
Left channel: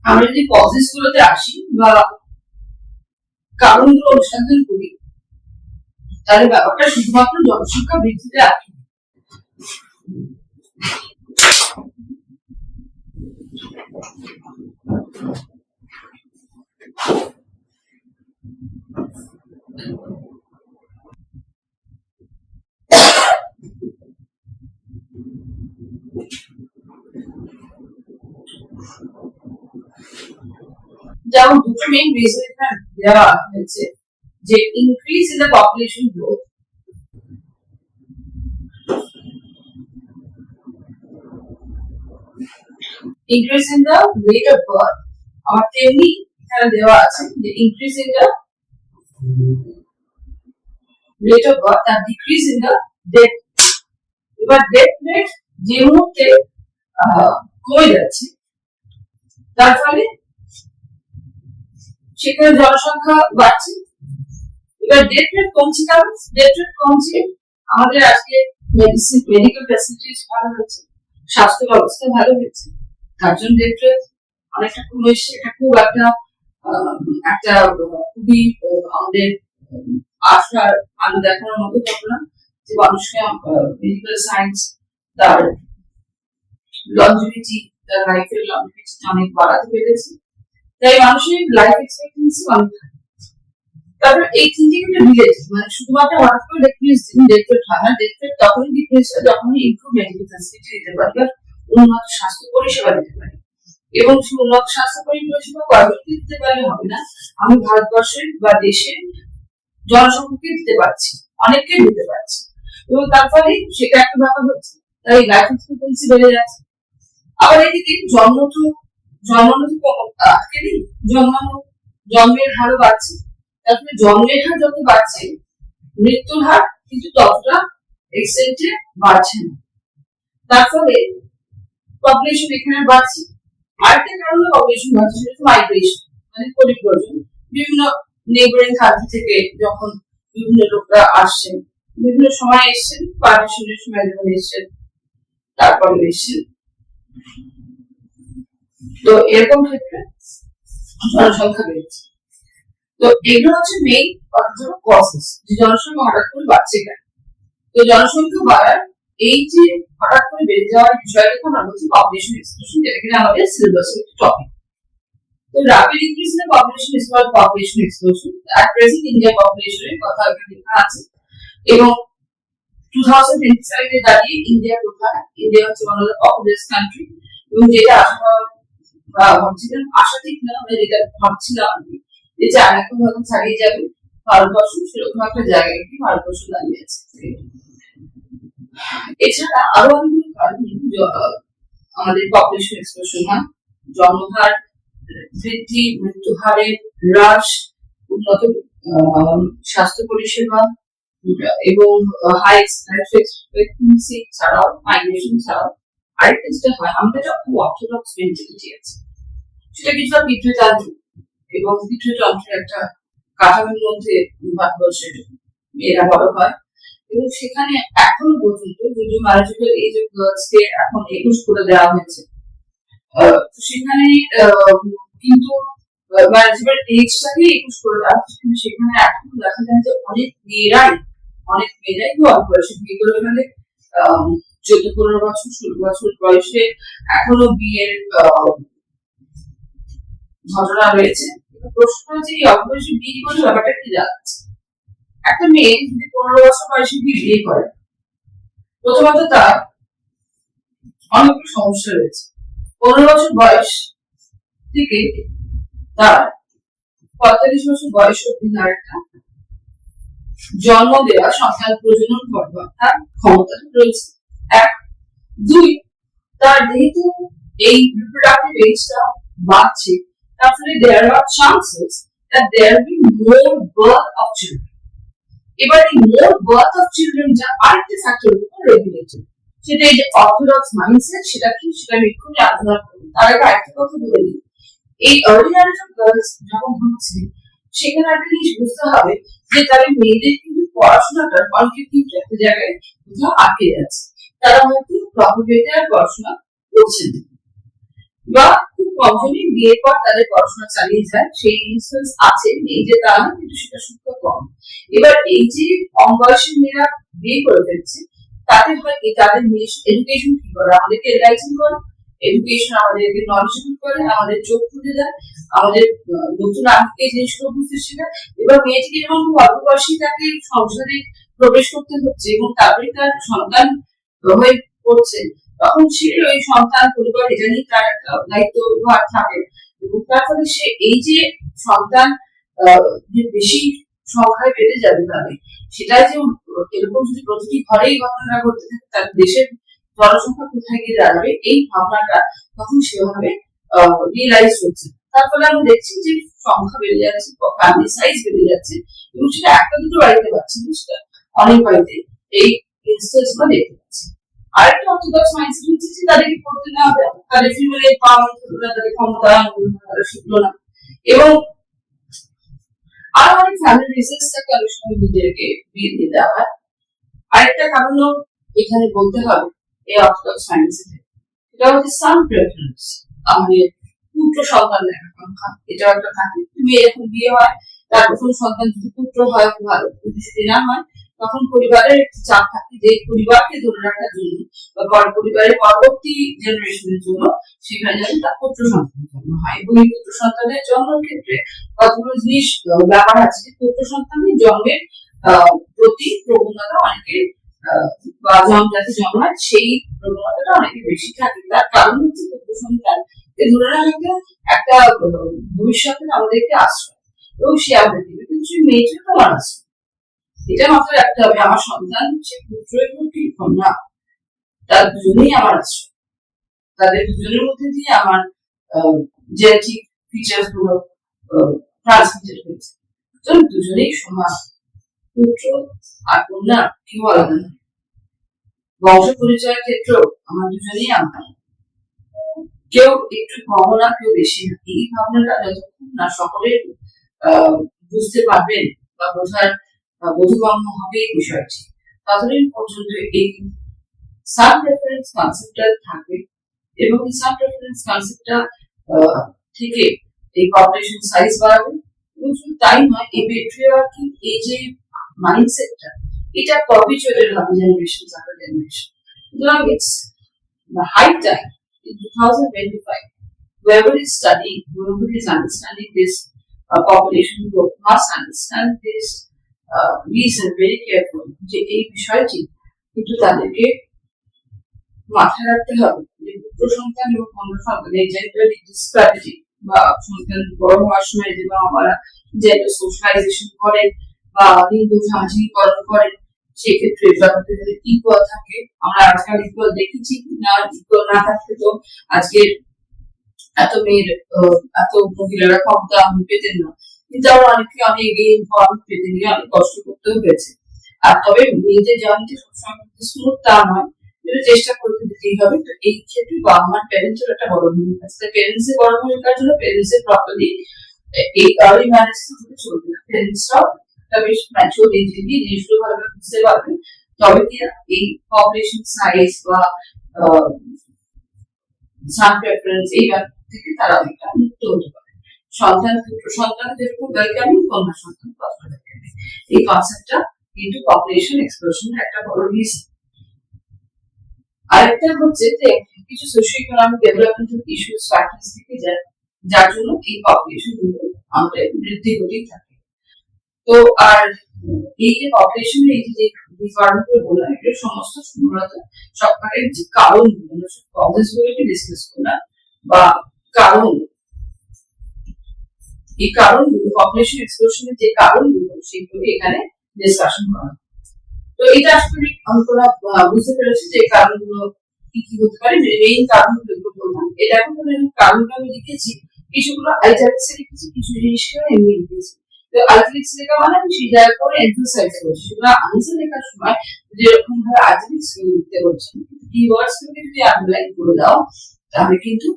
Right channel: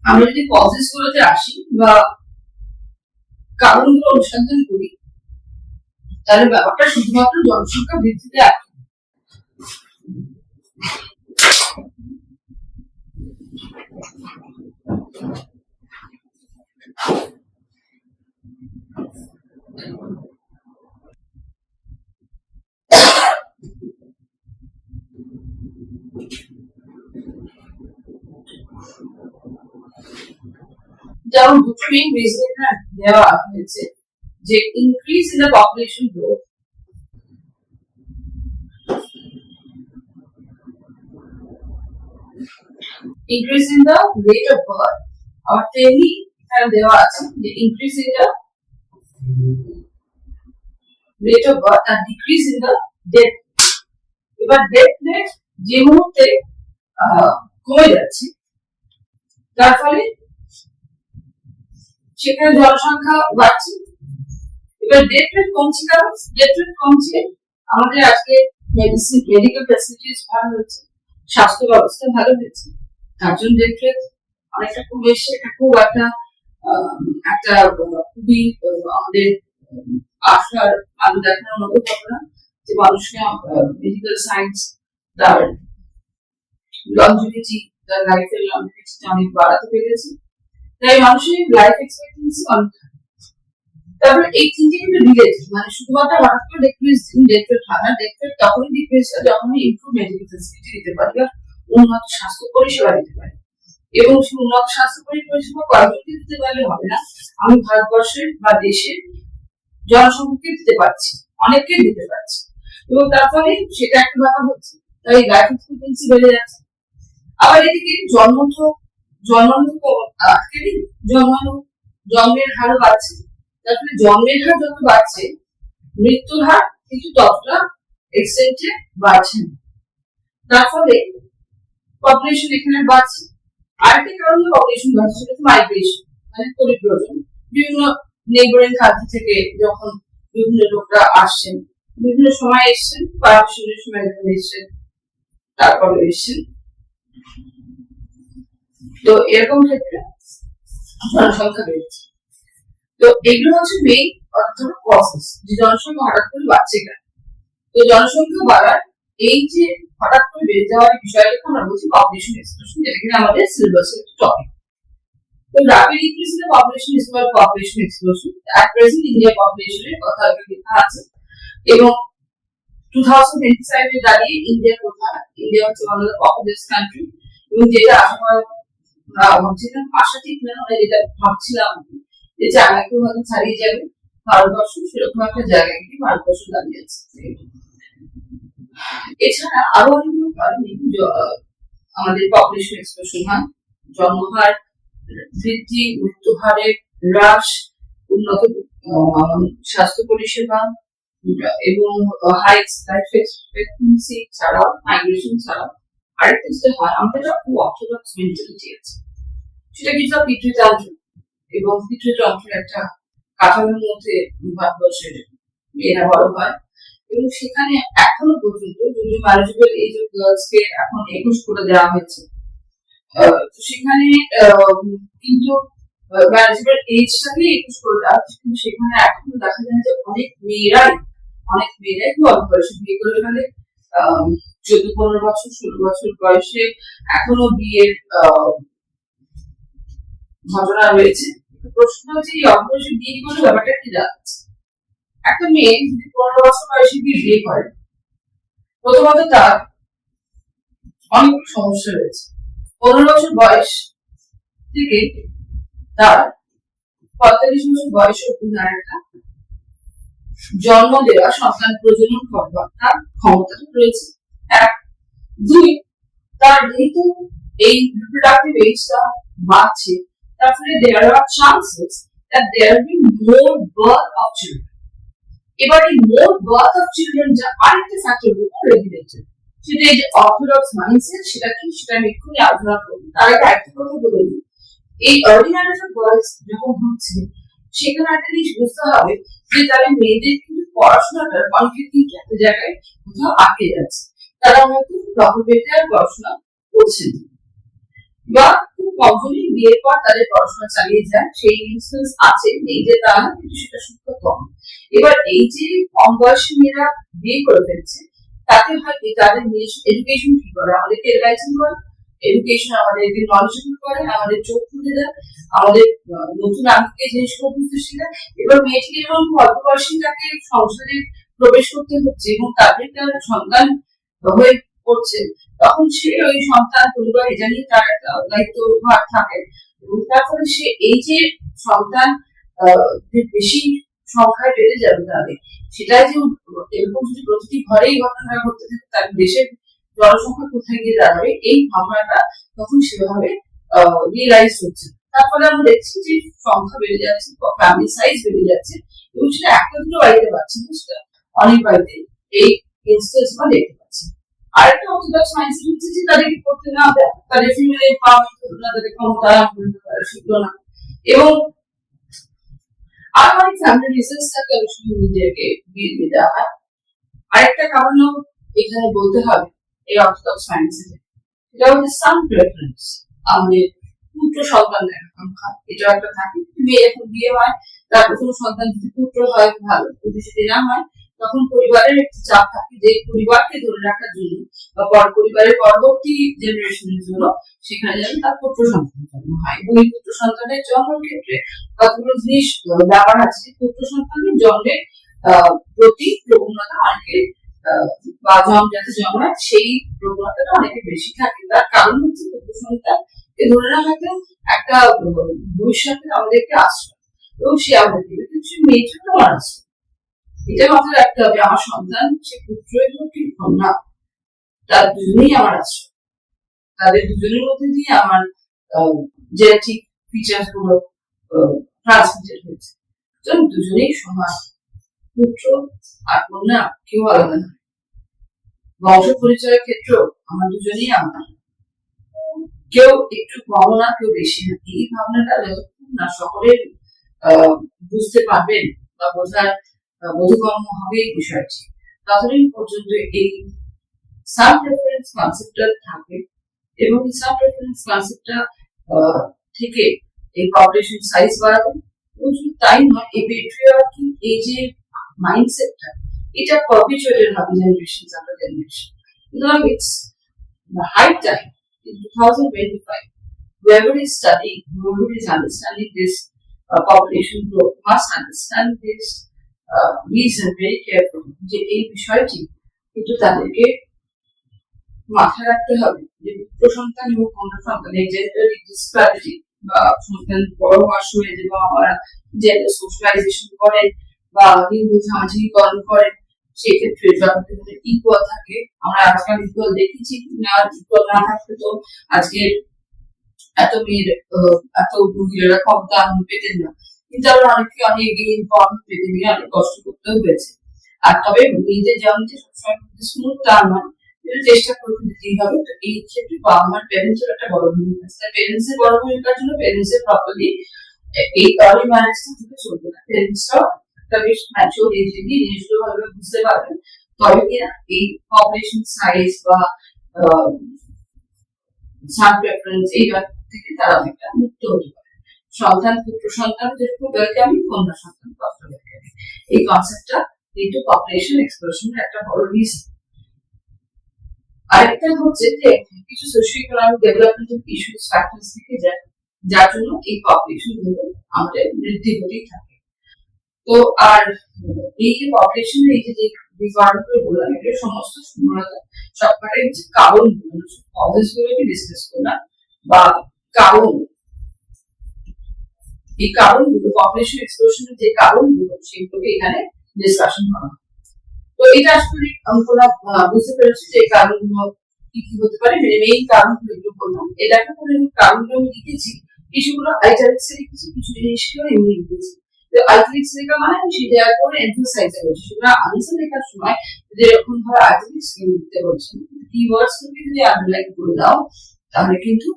আমরা যদি কজেস গুলোতে আসি বা কারণগুলো অনুসন্ধান করি, তাহলে ব্যাপারটা শুধুমাত্র জনসংখ্যা বৃদ্ধিতে আটকে দিই। যেমন দুটো মেইন রিজন এখানে দেওয়া হয়েছে, যে increase in the population growth, increase in the rate of birth, আর তেমনি এখানে দেওয়া আছে যে increase in the rate of birth আর ডিক্রিজ ইন দ্য ডেথ। এবার ডেথ রেট যে মুহূর্তে কমে যাচ্ছে, তার ফলে সেখানে জনসংখ্যা বাড়ছে। এবার ডেথ রেট কমছে, কারণ ডেথ রেট কমছে আমাদের আজকে মেডিকেল ফ্যাসিলিটিস ভালো হয়েছে, স্বাস্থ্য ব্যবস্থা ভালো হয়েছে, তার জন্য ডেথ রেট অনেকটা কমে এসছে। এটা খুব একটা খুবই আমাদের আশার আলো দেখানোর মতো ঘটনা যে মানুষকে মেডিকেল সায়েন্স তার লঞ্জিভিটি, তার লাইফের লঞ্জিভিটি অনেক বাড়াতে পেরেছে, তাই মানুষের লাইফ এক্সপেক্টেন্সি অনেক থাকে। তারপর এই তিনটে কিন্তু রিলেটেড, মানে শুধুমাত্র হঠাৎ করে ডিক্রিজ ইন ডেথ রেট হয় না। ডেথ রেট তখনই ডিক্রিজ হয় যখনই ইমপ্রুভ মেডিকেল ফ্যাসিলিটি দিতে পারি বা উন্নত স্বাস্থ্য পরিষেবা দিতে পারি। এবং সেই উন্নত স্বাস্থ্য পরিষেবা কয়েকজনকে দিতে পারলে হবে না, আমি ভারতবর্ষের বা দেশের জনসংখ্যাকে দিতে পারছি, অনেককে দিতে পারছি, এবং তার ফলে সেটা একটা ব্যাপার হচ্ছে, তাই লাইফ এক্সপেক্টেন্সি বেড়ে যাচ্ছে। আবার এদিকে জন্মানো আটকে দিই, জন্মের হারও বাড়ছে, তারপরে জন্মের হার যত বাড়ছে মৃত্যুর হার কিন্তু ততটা এক্সটেন্টে বাড়ছে না, তার ফলে পপুলেশন এখানে বাড়ছে। আরেকটা কারণে পপুলেশন বাড়ছে সেটা হচ্ছে মাইগ্রেশন, মানে পরিব্রজন। বিভিন্ন নেইবারিং কান্ট্রি থেকে যখন বিভিন্ন লোকরা আসছেন, বিভিন্ন সময় এসছেন, পার্টিশনের সময় যখন এসছেন, তারপরে এসছেন, তো এরকম ক্ষেত্রে জনসংখ্যা বেড়েছে। তো এগুলো হচ্ছে মেইন কজেস, যে জনসংখ্যা হঠাৎ করে বাড়ছে কেন। তো জনসংখ্যা বাড়ার এই যে হঠাৎ করে বেড়ে যাওয়ার বিষয়টাকে আমরা বলছি পপুলেশন এক্সপ্লোশন, যেটা কিনা আমাদের সিলেবাসের একটা টপিক। তো rapid increase in the population is called population explosion. At present India population এর কথা এখানে লেখা আছে, এবং 2025 এ দাঁড়িয়ে ইন্ডিয়া কোথায়, ইন্ডিয়া হচ্ছে one of the populous country, এবং যেটা ভাবছিলাম, আশা ঠিক না, মানে যেটা ভাবছিলাম যে চায়নাকে হয়তো ছাড়িয়ে যাবে ভারতবর্ষ, সেরকম একটা জায়গায় কি ভারতবর্ষ দাঁড়িয়ে আছে। এছাড়া আরো অনেকগুলো কারণে আমাদের পপুলেশন এক্সপ্লোশন হয়। জন্মহার বৃদ্ধি, মৃত্যু হারের হ্রাস, উন্নত স্বাস্থ্য পরিষেবা এবং হাই লাইফ এক্সপেক্টেন্সি ছাড়াও, মাইগ্রেশন ছাড়াও আরেকটা যেটা হয়, আমাদের একটা খুব অর্থোডক্স মেন্টালিটি আছে, সেটা কিছুটা পিতৃতন্ত্র এবং পিতৃতন্ত্রের একটা কাঠামোর মধ্যে ভারতবর্ষের মেয়েরা বড় হয়, এবং সেখানে এখনো পর্যন্ত যদিও ম্যারেজেবল এজ অফ গার্লসকে এখন 21 করে দেওয়া হয়েছে, তো সেখানে কিন্তু ম্যারেজেবল এজটাকে 21 করে দেওয়া হচ্ছে, কিন্তু সেখানে এখনো দেখা যায় যে অনেক মেয়েরাই খুব অল্প বয়সে বিয়ে করে ফেলে। 14-15 বছর, 16 বছর বয়সে এখনো বিয়ের ঘটনা রয়েছে। প্রশ্ন হচ্ছে এই অল্প বয়সে বিয়ে করে ব্যাপারটা কি যাচ্ছে। একটা মেয়ে যদি 15 বছর বয়সে বিয়ে করে, প্রথমত তার অনেকগুলো সমস্যা রয়েছে। 15 বছর বয়স থেকে তার 45 বছর বয়স অব্দি তার একটা জন্ম দেওয়া, সন্তান প্রজনন করবার তার ক্ষমতা রয়েছে। 1, 2, তার যেহেতু এই রিপ্রোডাক্টিভ এজটা বাড়ছে, তার ফলে দেয়ার আর chances that there will be more birth of children. এবার এই more birth of children যা আরেকটা ফ্যাক্টরের উপর রেগুলেটেড, সেটা এই যে অর্থোডক্স মাইন্ডসেট, সেটা কি সেটা আমি এক্ষুনি আলোচনা করব। তার আগে আরেকটা কথা বলে দিই, এই আর্লি ম্যারেজ অফ গার্লস যখন হচ্ছে সেখানে একটা জিনিস বুঝতে হবে যে তাদের মেয়েদের কিন্তু পড়াশোনাটার অনেকে কিন্তু একটা জায়গায় কোথাও আটকে যাচ্ছে, তারা হয়তো প্রপার ওয়েতে আর পড়াশোনা করছে না, বা খুব কমজনই বিয়ের পর তাদের পড়াশোনা চালিয়ে যায়, সেই ইনস্টেন্স আছে, নেই যে তা না, কিন্তু সেটা সংখ্যা কম। এবার এই যে কম বয়সী মেয়েরা বিয়ে করে ফেলছে, তাতে হয় কি তাদের এডুকেশন কি করে, আমাদেরকে এনলাইটেন করে, এডুকেশন আমাদেরকে নলেজেবল করে, আমাদের চোখ খুলে দেয়, আমাদের নতুন আগে জিনিসগুলো বুঝতে শেখায়। এবার মেয়েটিকে যখন খুব অল্প বয়সী তাকে সংসারে প্রবেশ করতে হচ্ছে এবং তারপরে তার সন্তান হয়ে পড়ছে, তখন সে ওই সন্তান পরিবার এটা নিয়ে তার দায়িত্ব ভার থাকে, এবং তারপরে সে এই যে সন্তান বেশি সংখ্যায় বেড়ে যাবে তাদের, সেটা যে এরকম যদি প্রতিটি ঘরেই ঘটনা ঘটতে থাকে, তার দেশের জনসংখ্যা কোথায় গিয়ে দাঁড়াবে, এই ভাবনাটা তখন সেভাবে রিয়েলাইজ হচ্ছে। তার ফলে আমরা দেখছি যে সংখ্যা বেড়ে যাচ্ছে, ফ্যামিলি সাইজ বেড়ে যাচ্ছে, এবং সেটা একটা দুটো বাড়িতে পাচ্ছি না, সেটা অনেক বাড়িতে এই ইনস্টেন্স আমরা দেখতে পাচ্ছি। আরেকটা অর্থোডক্স মাইন্ডসেট হচ্ছে যে তাদেরকে করতে না দেয়, তাদের ফিমেল এম্পাওয়ারমেন্ট হলো না, তাদের ক্ষমতা তারা শিখলো না, এবং আরো অনেক ফ্যামিলি রিজনস থাকে, অনেক সময় মেয়েদেরকে বিয়ে দিয়ে দেওয়া হয়। আরেকটা কারণও এখানে বলতে হবে এই অর্থোডক্স মাইন্ডসেটে, এটা হচ্ছে সাম প্রেফারেন্স, আমাদের পুত্র সন্তানের আকাঙ্ক্ষা, এটাও একটা থাকে। মেয়ে যখন বিয়ে হয়, তার প্রথম সন্তান যদি পুত্র হয় ভালো, যদি সেটি না হয় তখন পরিবারের একটি চাপ থাকে যে পরিবারকে ধরে রাখার জন্য বা পরিবারের পরবর্তী জেনারেশনের জন্য সেখানে যেন তার পুত্র সন্তান জন্ম হয়। এবং এই পুত্র সন্তানের জন্মের ক্ষেত্রে কতগুলো জিনিস ব্যাপার আছে, যে পুত্র সন্তানের জন্মের প্রতি প্রবণতা অনেকের বা যাতে জন্মায় সেই প্রবণতাটা অনেকের বেশি থাকে। তার কারণ হচ্ছে পুত্র সন্তান ধরে রাখাটা একটা ভবিষ্যতের আমাদেরকে আশ্রয়, এবং সে আমাদের দিবে, কিন্তু সেই মেয়েটা তো আমার আশ্রয়। এটা মাথায় রাখতে হবে, আমার সন্তান সে পুত্রই হোক কি কন্যা, তার দুজনেই আমার আশ্রয়, তাদের দুজনের মধ্যে দিয়ে আমার জেনেটিক ফিচার্স গুলো ট্রান্সমিটেড হয়েছে, দুজনেই সমান, পুত্র আর কন্যা কেউ আলাদা নয়। বংশ পরিচয়ের ক্ষেত্রেও আমার দুজনেই আমার, কেউ একটু কম না, কেউ বেশি না। এই ভাবনাটা যতক্ষণ না সকলের বুঝতে পারবেন বা বোঝার বোধগম্য হবে এই বিষয়টি, ততদিন পর্যন্ত এই সাব প্রেফারেন্স কনসেপ্টটা থাকে, এবং এই সাব প্রেফারেন্স কনসেপ্টটা থেকে এই পপুলেশন সাইজ বাড়াবে। এবং শুধু তাই নয়, এই পেট্রিয়ার্কি, এই যে মাইন্ডসেটটা, এটা পারপিচুয়েটেড হবে জেনারেশন আফটার জেনারেশন। সুতরাং it's the high time in 2025, whoever is studying, whoever is understanding this population growth must understand this reason very carefully, যে এই বিষয়টি কিন্তু তাদেরকে মাথায় রাখতে হবে যে পুত্র সন্তান এবং কন্যা সন্তান এই জেন্ডার ডিসপ্যারিটি বা সন্তান বড় হওয়ার সময় যে বাবা মারা জেন্ডার সোশ্যালাইজেশন করেন বা লিঙ্গ সামাজিকীকরণ করেন, সেক্ষেত্রে ব্যাপারটা যদি ইকুয়াল থাকে, আমরা আজকাল ইকুয়াল দেখেছি না, ইকুয়াল না থাকলে তো আজকের এত মেয়ের এত মহিলারা ক্ষমতা পেতেন না, কিন্তু আমরা অনেকে অনেক ইনফর্মেন্ট পেতে নিয়ে অনেক কষ্ট করতেও হয়েছে। আর তবে মেয়েদের যেমন সবসময় স্মুথ তা নয়, চেষ্টা করতে দিতেই হবে। তো এই ক্ষেত্রে বাবা মার প্যারেন্টসের একটা বড় ভূমিকা আছে, প্যারেন্টস এর বড় ভূমিকার জন্য প্যারেন্টস এর প্রপারলি এই আর্লি ম্যারেজটা হতে চলবে না, প্যারেন্টসরাও একটা বেশ ম্যাচিওর এজ দিয়ে জিনিসগুলো ভালোভাবে বুঝতে পারবেন, তবে কিনা এই পপুলেশন সাইজ বা সান প্রেফারেন্স এই ব্যাপার থেকে তারা অনেকটা মুক্ত হতে পারে। সন্তান পুত্র সন্তান যেরকম ওয়েলকামিং, কন্যা সন্তান তত ওয়েলকামিং, এই কনসেপ্টটা কিন্তু পপুলেশন এক্সপ্লোশনের একটা বড় রিজন। আরেকটা হচ্ছে যে কিছু socio economic developmental issues factors থেকে যায়, যার জন্য এই পপুলেশন গুলো আমাদের বৃদ্ধি হতেই থাকে। তো আর এই যে পপুলেশনের এই যে রিকোয়ারমেন্ট বললাম, এগুলো সমস্ত মূলত সবকটার যে কারণগুলো, কজেস গুলোকে ডিসকাস করলাম, বা কারণ, এই কারণগুলো পপুলেশন এক্সপ্লোশনের যে কারণগুলো সেগুলোকে এখানে ডিসকাশন করা। তো এটা আসলে আমরা বুঝতে পেরেছি যে কারণগুলো কি কি হতে পারে, মেইন কারণগুলো এগুলো বললাম। এটা কারণগুলো আমি লিখেছি কিছুগুলো আইটালিক্সে লিখেছি, কিছু জিনিসকেও এমনি লিখেছি। তো আইটালিক্স লেখা মানে আমি সেই জায়গা করে এমফাসাইজ করছি, সুতরাং আনসার লেখার সময় যেরকম ভাবে আইটালিক্স লিখতে বলছেন, কিওয়ার্ডস গুলোকে যদি আন্ডারলাইন করে দাও তাহলে কিন্তু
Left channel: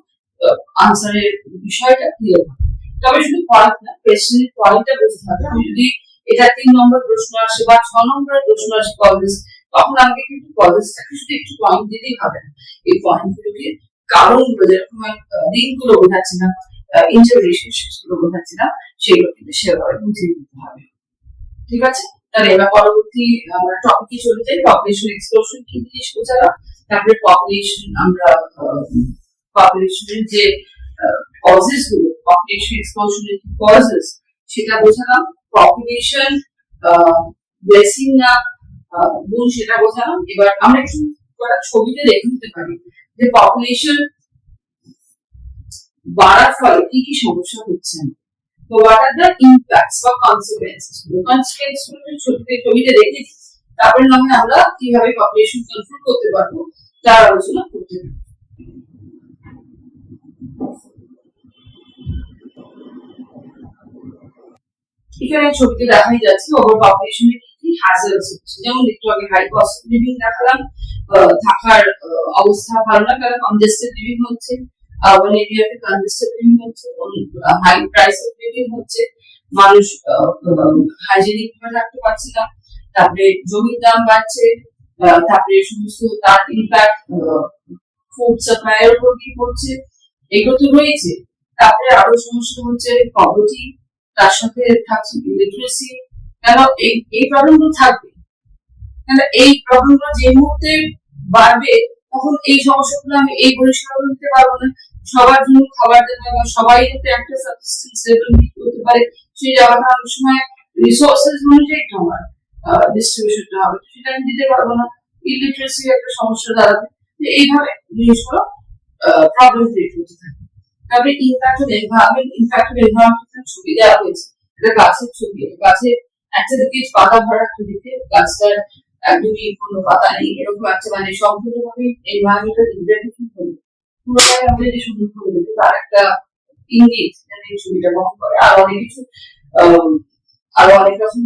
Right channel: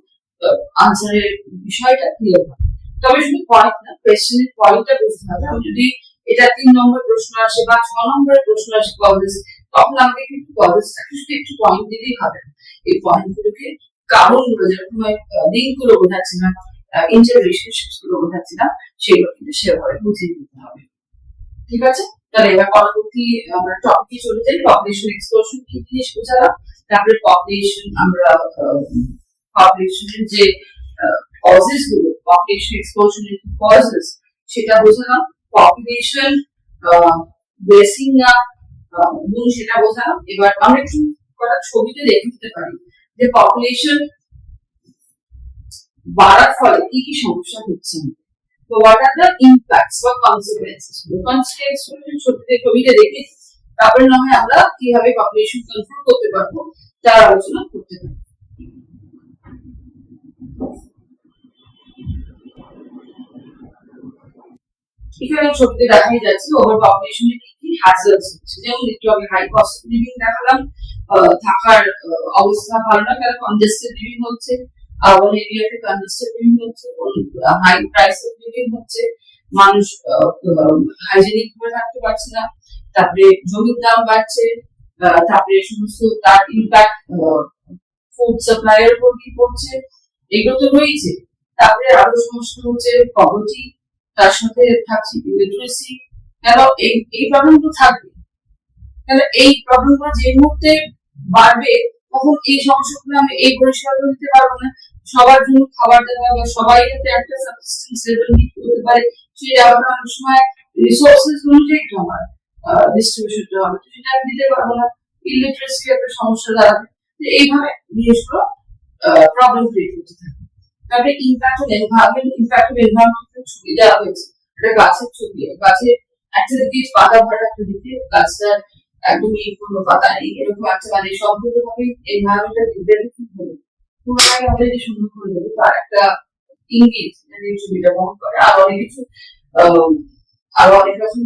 আনসারের বিষয়টা ক্লিয়ার হবে। তবে শুধু পয়েন্ট না, কোয়েশ্চেনের পয়েন্টটা বুঝতে হবে। আমি যদি এটা 3 নম্বর প্রশ্ন আসে বা 6 নম্বরের প্রশ্ন আসে কলেজ, তখন আমাকে কিন্তু কলেজটাকে শুধু একটু পয়েন্ট দিলেই হবে না, এই পয়েন্টগুলোকে কারণগুলো, যেরকম লিঙ্কগুলো বোঝাচ্ছি না, ইন্টার রিলেশনশিপস গুলো বোঝাচ্ছি না, সেগুলো কিন্তু সেভাবে বুঝিয়ে দিতে হবে। ঠিক আছে, তাহলে এবার পরবর্তী আমরা টপিকে চলে যাই। পপুলেশন এক্সপ্লোশন কি জিনিস বোঝালাম, তারপরে পপুলেশন আমরা পপুলেশনের যে কজেস গুলো, পপুলেশন এক্সপ্লোশনের কি কজেস সেটা বোঝালাম। পপুলেশন ব্লেসিং না গুণ সেটা বোঝালাম। এবার আমরা একটু কটা ছবিতে দেখে নিতে পারি যে পপুলেশন বাড়ার ফলে কি কি সমস্যা হচ্ছে। তো হোয়াট আর দ্য ইম্প্যাক্টস বা কনসিকুয়েন্সেস, ছবিতে দেখে তারপরে না হয় আমরা কিভাবে পপুলেশন কন্ট্রোল করতে পারবো তার আলোচনা করতে পারি। এখানে ছবিতে দেখাই যাচ্ছে ওভার পপুলেশনের কি কি হ্যাজার্ডস হচ্ছে। যেমন একটু আগে হাই কস্ট লিভিং দেখালাম, থাকার অবস্থা ভালো না, কারণ কনজেস্টেড লিভিং হচ্ছে, আরবান এরিয়াতে কনজেস্টেড লিভিং হচ্ছে, হাই প্রাইস অফ লিভিং হচ্ছে, মানুষ হাইজেনিক ভাবে থাকতে পারছে না, তারপরে জমির দাম বাড়ছে, তারপরে সমস্ত তার ইম্প্যাক্ট ফুড সাপ্লাইয়ের উপর কি পড়ছে, এগুলো তো রয়েছে। তারপরে আরো সমস্যা হচ্ছে পভার্টি, তার সাথে থাকছে ইলিটারেসি। কেন এই প্রবলেমগুলো থাকবে, কেন এই প্রবলেমগুলো যে মুহূর্তে বাড়বে তখন এই সমস্যাগুলো আমি এই পরিষ্কারগুলো দিতে পারবো না। সবার জন্য খাবার দেওয়া বা সবাই যাতে একটা সাবসিস্টেন্স লেভেল মিট করতে পারে, সেই জায়গাটা অনেক সময় রিসোর্সেস অনুযায়ী তো আমার ডিস্ট্রিবিউশনটা হবে, তো সেটা আমি দিতে পারবো না। ইলিটারেসি একটা সমস্যা দাঁড়াবে। এইভাবে জিনিসগুলো প্রবলেম ক্রিয়েট করতে থাকে। তারপরে impact of environment, impact of environment ছবি দেওয়া হয়েছে, এটা গাছের ছবি। গাছের একটা দিকে পাতা ভরা, একটা দিকে গাছটার একদমই কোনো পাতা নেই, এরকম একটা মানে সম্পূর্ণভাবে এনভায়রনমেন্টটা ডিগ্রেডেশন হলো, পুরোটাই আমাদের যে সুন্দর করে দেবে তার একটা ইঙ্গিত এই ছবিটা বহন করে। আর অনেক কিছু আরো অনেক রকম